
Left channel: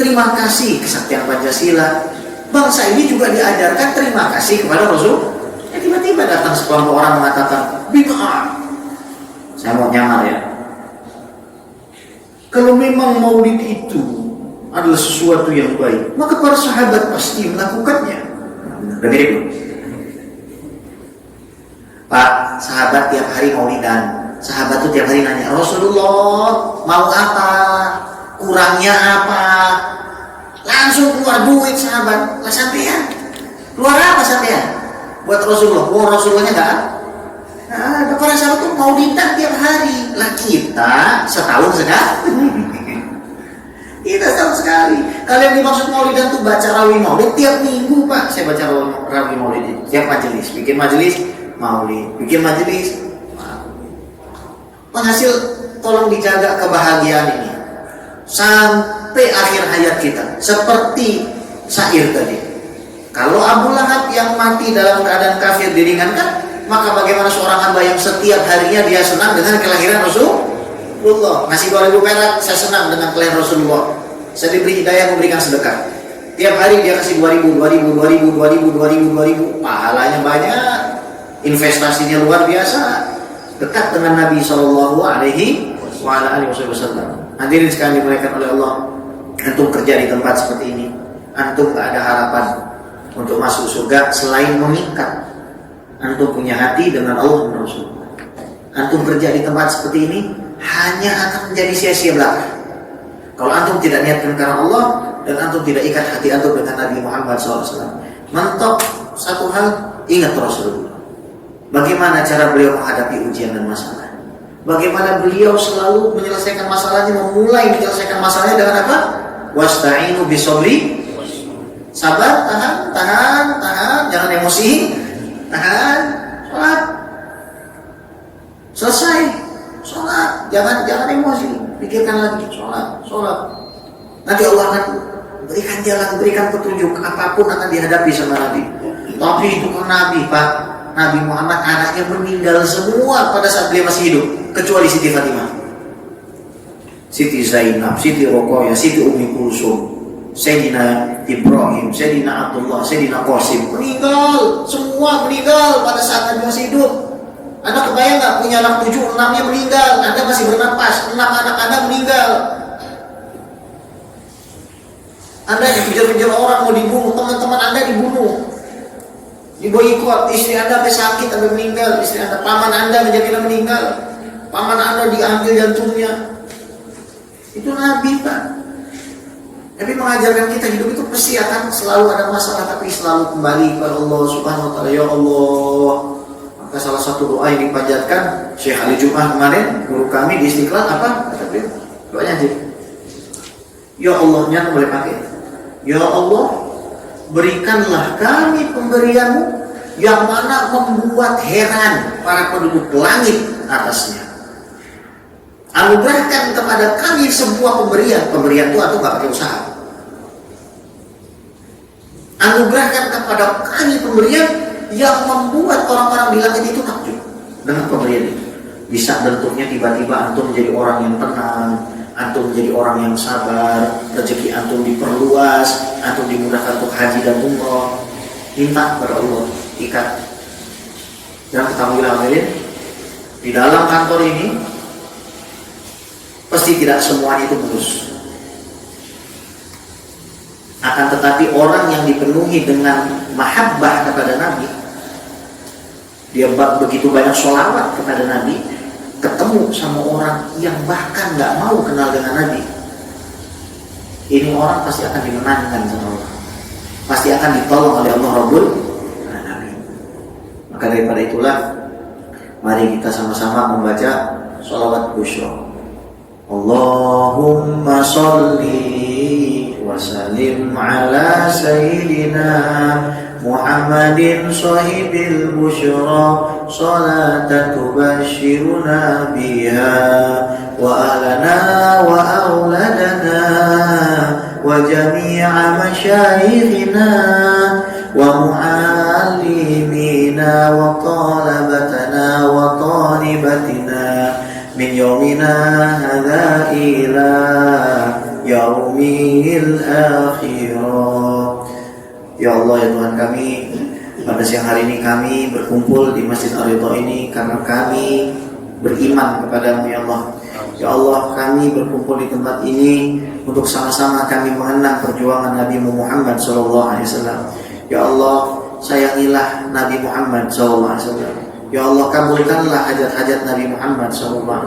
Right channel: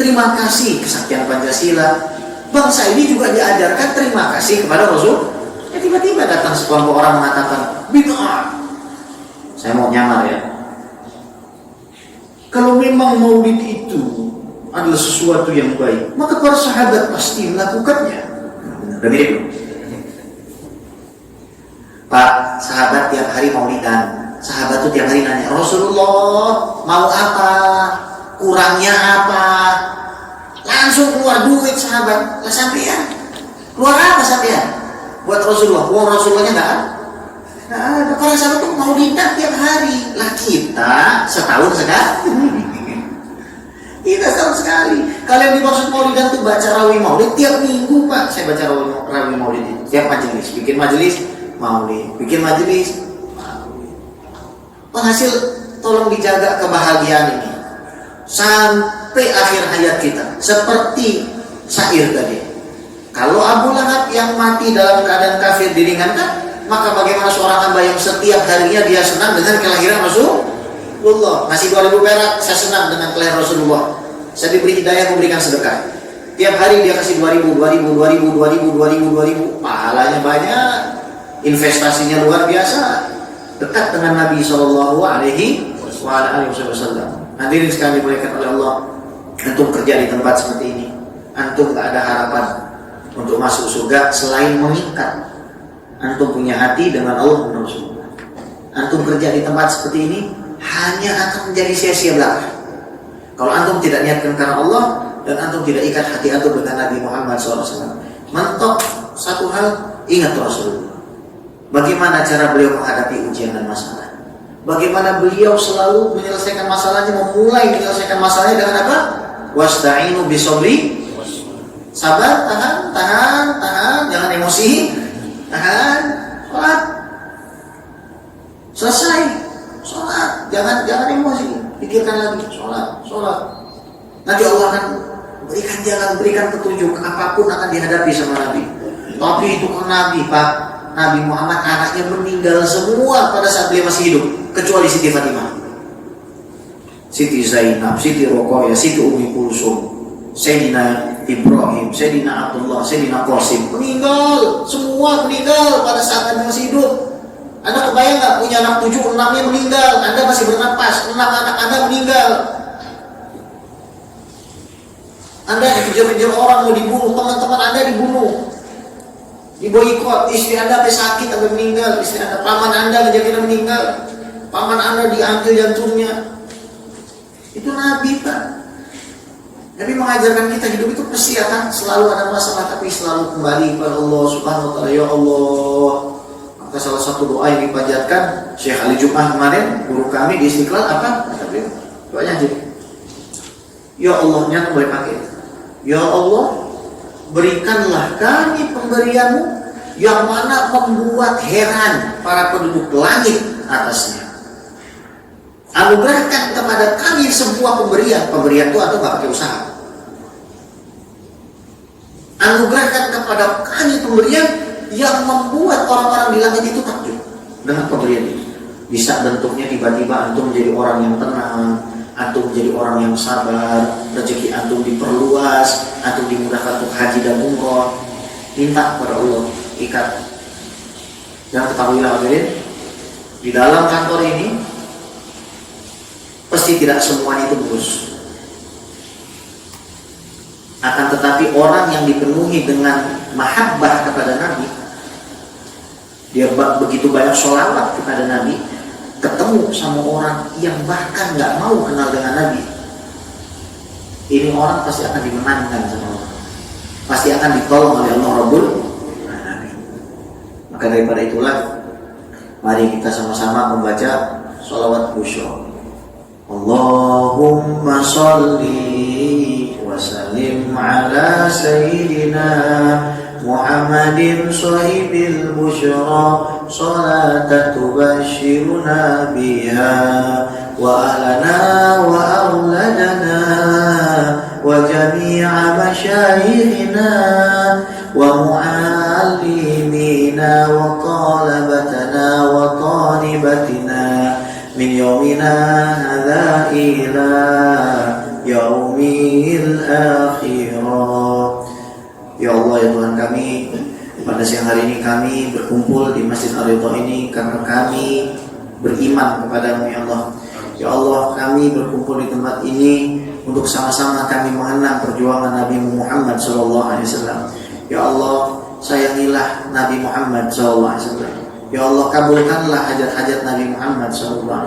terima kasih kesaktian Pancasila. Bangsa ini juga diajarkan terima kasih kepada Rasul. Tiba-tiba datang sekelompok orang mengatakan bid'ah. Saya mau nyamar ya. Kalau memang maulid itu adalah sesuatu yang baik, maka para sahabat pasti melakukannya. Udah mirip loh. Pak, sahabat tiap hari maulidan. Sahabat itu tiap hari nanya, Rasulullah mau apa? Kurangnya apa? Langsung keluar duit sahabat. Lah sampean. Keluar apa sampean? Buat Rasulullah. Wong Rasulullahnya enggak ada. Nah, para sahabat itu maulidan tiap hari. Lah kita setahun sekali. Kita setahun sekali. Kalian dimaksud maulidan itu baca rawi maulid tiap minggu Pak. Saya baca rawi maulid itu. Tiap majelis. Bikin majelis maulid. Bikin majelis maulid. Penghasil tolong dijaga kebahagiaan ini. Sampai akhir hayat kita. Seperti syair tadi. Kalau Abu Lahab yang mati dalam keadaan kafir diringankan, maka bagaimana seorang hamba yang setiap harinya dia senang dengan kelahiran Rasulullah. Ngasih 2.000 perak, saya senang dengan kelahiran Rasulullah. Saya diberi hidayah memberikan sedekah. Tiap hari dia kasih 2.000. Pahalanya banyak. Investasinya luar biasa. Dekat dengan Nabi Shallallahu Alaihi Wasallam. Hadirin sekalian dimuliakan oleh Allah. Antum kerja di tempat seperti ini, antum gak ada harapan untuk masuk surga selain mengikat. Antum punya hati dengan Allah dan Rasulullah. Antum kerja di tempat seperti ini hanya akan menjadi sia-sia belaka. Kalau antum tidak niatkan karena Allah dan antum tidak ikat hati antum dengan Nabi Muhammad SAW. Mentok satu hal, ingat Rasulullah. Bagaimana cara beliau menghadapi ujian dan masalah? Bagaimana beliau selalu menyelesaikan masalahnya, memulai menyelesaikan masalahnya dengan apa? Wasta'inu bisobri. Sabar, tahan, jangan emosi, tahan, sholat. Selesai, sholat, jangan emosi, pikirkan lagi, sholat. Nanti Allah akan berikan jalan, berikan petunjuk, apapun akan dihadapi sama Nabi. Tapi itu kan Nabi, Pak. Nabi Muhammad anaknya meninggal semua pada saat dia masih hidup, kecuali Siti Fatimah, Siti Zainab, Siti Roqayah, Siti Ummi Kulsum, Sayyidina Ibrahim, Sayyidina Abdullah, Sayyidina Qasim, meninggal, semua meninggal pada saat Nabi masih hidup. Anda kebayang nggak, punya anak 7, 6-nya meninggal, Anda masih bernapas, 6 anak Anda meninggal. Anda dikejar-kejar orang mau dibunuh, teman-teman Anda dibunuh, diboikot, istri Anda sampai sakit, Anda meninggal, istri Anda, paman Anda menjadi meninggal, paman Anda diambil jantungnya. Itu Nabi, Pak. Nabi mengajarkan kita hidup itu pasti akan selalu ada masalah, tapi selalu kembali kepada Allah Subhanahu wa taala. Ya Allah. Maka salah satu doa yang dipanjatkan Syekh Ali Jum'ah kemarin, guru kami di Istiqlal, apa kata beliau? Doanya aja. Ya Allah-nya boleh pakai. Ya Allah, berikanlah kami pemberianmu yang mana membuat heran para penduduk langit atasnya. Anugerahkan kepada kami sebuah pemberian itu atau nggak pakai usaha. Anugerahkan kepada kami pemberian yang membuat orang-orang di langit itu takjub dengan pemberian itu. Bisa bentuknya tiba-tiba antum menjadi orang yang tenang, antum menjadi orang yang sabar, rezeki antum diperluas, antum dimudahkan untuk haji dan umroh. Minta kepada Allah, ikat. Dan ketahuilah hadirin, di dalam kantor ini pasti tidak semuanya itu mulus. Akan tetapi orang yang dipenuhi dengan mahabbah kepada Nabi, dia begitu banyak sholawat kepada Nabi, ketemu sama orang yang bahkan gak mau kenal dengan Nabi, ini orang pasti akan dimenangkan sama Allah, pasti akan ditolong oleh Allah Rabbul Alamin. Maka daripada itulah, mari kita sama-sama membaca sholawat khusyuk. Allahumma sholli wa sallim ala sayyidina Muhammadin sahibil busyra salatan tubashiruna biha wa ahlana wa auladana wa jami'a masyayikhina wa mu'allimina wa talabatana wa talibatina min yaumina hadza ila yaumil akhirah. Ya Allah, ya Tuhan kami, pada siang hari ini kami berkumpul di Masjid Ar-Ridha ini karena kami beriman kepada-Mu ya Allah. Ya Allah, kami berkumpul di tempat ini untuk sama-sama kami mengenang perjuangan Nabi Muhammad SAW. Ya Allah, sayangilah Nabi Muhammad SAW. Ya Allah, kabulkanlah hajat-hajat Nabi Muhammad SAW.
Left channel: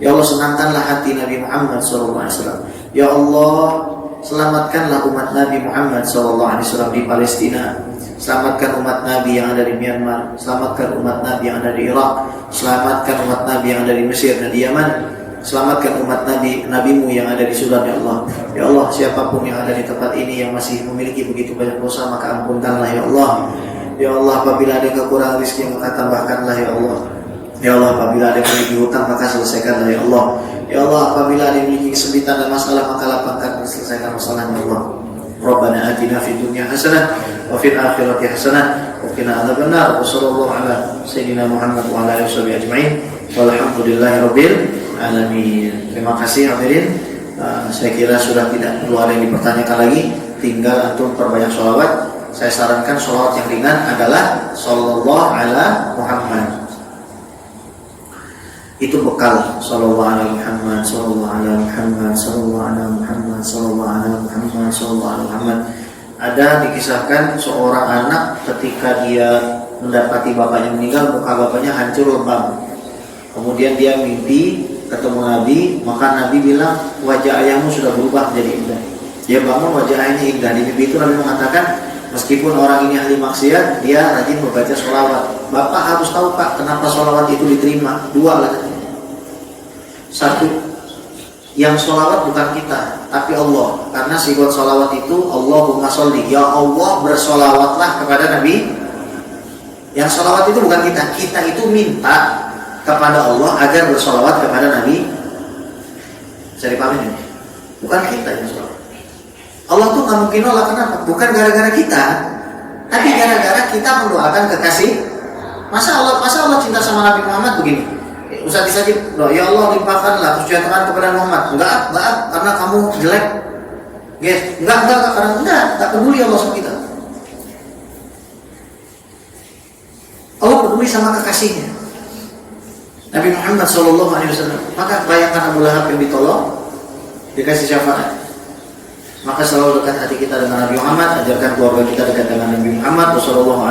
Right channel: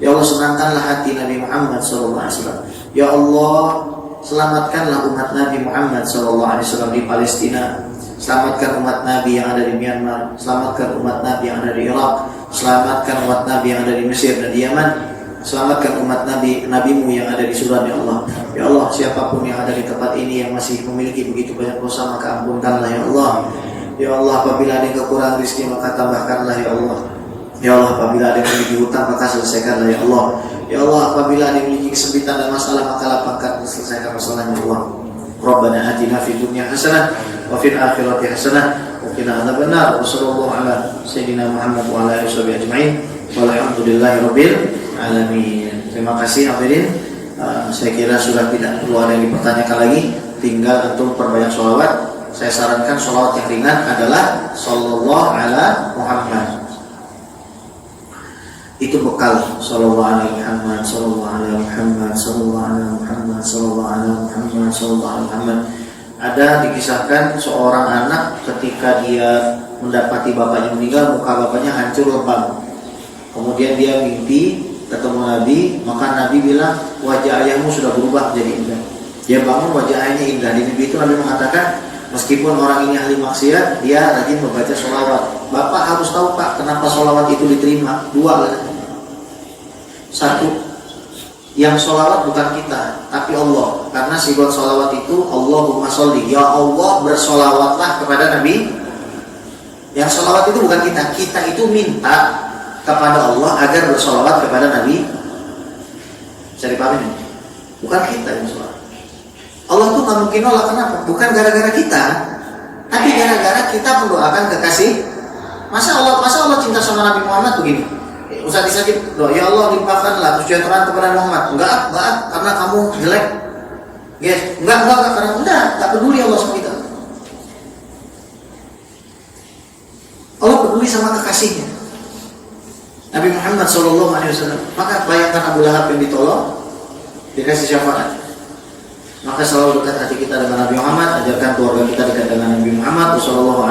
Ya Allah, senangkanlah hati Nabi Muhammad SAW. Ya Allah, selamatkanlah umat Nabi Muhammad SAW di Palestina. Selamatkan umat Nabi yang ada di Myanmar. Selamatkan umat Nabi yang ada di Irak. Selamatkan umat Nabi yang ada di Mesir dan di Yaman. Selamatkan umat Nabi-Mu yang ada di Sudan ya Allah. Ya Allah, siapapun yang ada di tempat ini yang masih memiliki begitu banyak dosa, maka ampunkanlah ya Allah. Ya Allah, apabila ada yang kekurangan rezeki maka tambahkanlah ya Allah. Ya Allah, apabila ada yang memiliki hutang maka selesaikanlah ya Allah. Ya Allah, apabila ada yang memiliki kesempitan dan masalah maka lapangkan dan selesaikan masalahnya ya Allah. Rabbana atina fid dunya hasanah wa fil akhirati hasanah wa qina adzabannar. Wa sallallahu ala sayyidina Muhammad wa ala alihi washabihi ajma'in. Walhamdulillahirabbil alamin. Terima kasih hadirin. Saya kira sudah tidak perlu ada yang dipertanyakan lagi. Tinggal antum perbanyak sholawat. Saya sarankan sholawat yang ringan adalah sallallahu ala Muhammad. Itu bekal sallallahu ala Muhammad, sallallahu ala Muhammad, sallallahu ala Muhammad, sallallahu ala Muhammad, sallallahu ala Muhammad. Ada dikisahkan seorang anak ketika dia mendapati bapaknya meninggal, muka bapaknya hancur lebam. Kemudian dia mimpi ketemu Nabi, maka Nabi bilang wajah ayahmu sudah berubah jadi indah. Dia bangun wajahnya indah. Di mimpi itu Nabi mengatakan, meskipun orang ini ahli maksiat, dia rajin membaca sholawat. Bapak harus tahu Pak, kenapa sholawat itu diterima? Dua lah. Satu, yang sholawat bukan kita, tapi Allah. Karena sifat sholawat itu Allahumma sholli, ya Allah bersolawatlah kepada Nabi. Yang sholawat itu bukan kita, kita itu minta kepada Allah agar bersolawat kepada Nabi. Bisa dipahami ini? Bukan kita yang sholawat. Allah tuh nggak mungkin nolak, kenapa? Bukan gara-gara kita, tapi gara-gara kita mendoakan kekasih. Masa Allah cinta sama Nabi Muhammad begini? Ustaz disajib, ya Allah limpahkanlah kesejahteraan kepada Muhammad. Enggak, karena kamu jelek. Yes, enggak, karena enggak peduli Allah sama kita. Allah peduli sama kekasihnya, Nabi Muhammad SAW. Maka bayangkan Abu Lahab yang ditolong, dikasih syafaat. Maka selalu dekat hati kita dengan Nabi Muhammad, ajarkan keluarga kita dekat dengan Nabi Muhammad. Wassalamualaikum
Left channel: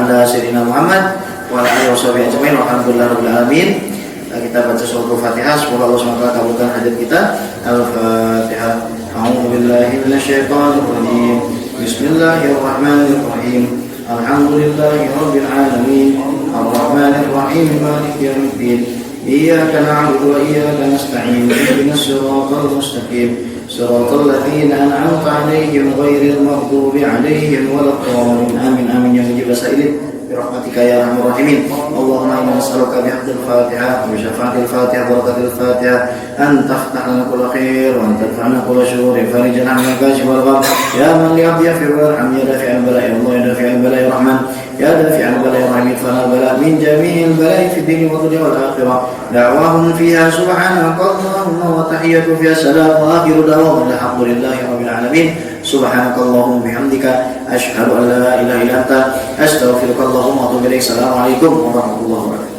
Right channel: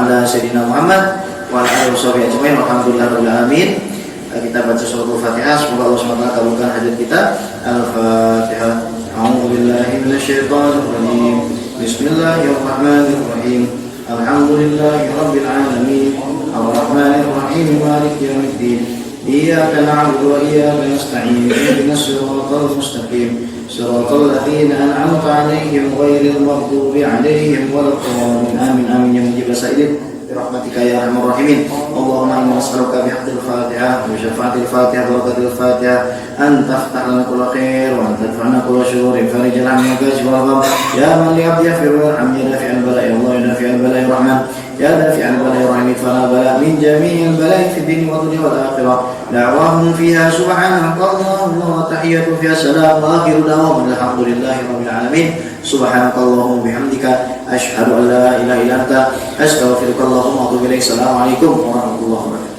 warahmatullahi wabarakatuh. Kita baca surah Al-Fatihah. Semoga Allah SWT kabulkan hajat kita. Al-Fatihah. A'udzubillahi minasyaitonir rajim. Bismillahirrahmanirrahim. Alhamdulillahi rabbil alamin. Arrahmanir rahim. Maliki yaumiddin. Iyyaka na'budu wa iyyaka nasta'in. Ihdinas siratal mustaqim. Siratal ladzina an'amta 'alaihim ghairil maghdubi 'alaihim waladdallin. Amin amin ya rabbal alamin. برحمتك يا ارحم الراحمين. اللهم انا نسالك بحق الفاتحه وشفاعه الفاتحه وبركه الفاتحه ان تفتح لنا كل خير وان تدفعنا كل شرور. فرج الهم يا كاشف الغم يا من لعبد يغفر ويرحم يا دافع البلاء يا الله يا دافع البلاء يا رحمن يا دافع البلاء يا رحيم. فلا بلاء من جميع البلاء في الدين والدنيا والاخره. دعواهم فيها سبحانك اللهم وتحية فيها سلام واخر دعواهم الحمد لله رب العالمين. سبحانك اللهم وبحمدك أشهد أن لا إله إلا أنت أستغفرك اللهم وأتوب إليك. السلام عليكم ورحمة الله وبركاته.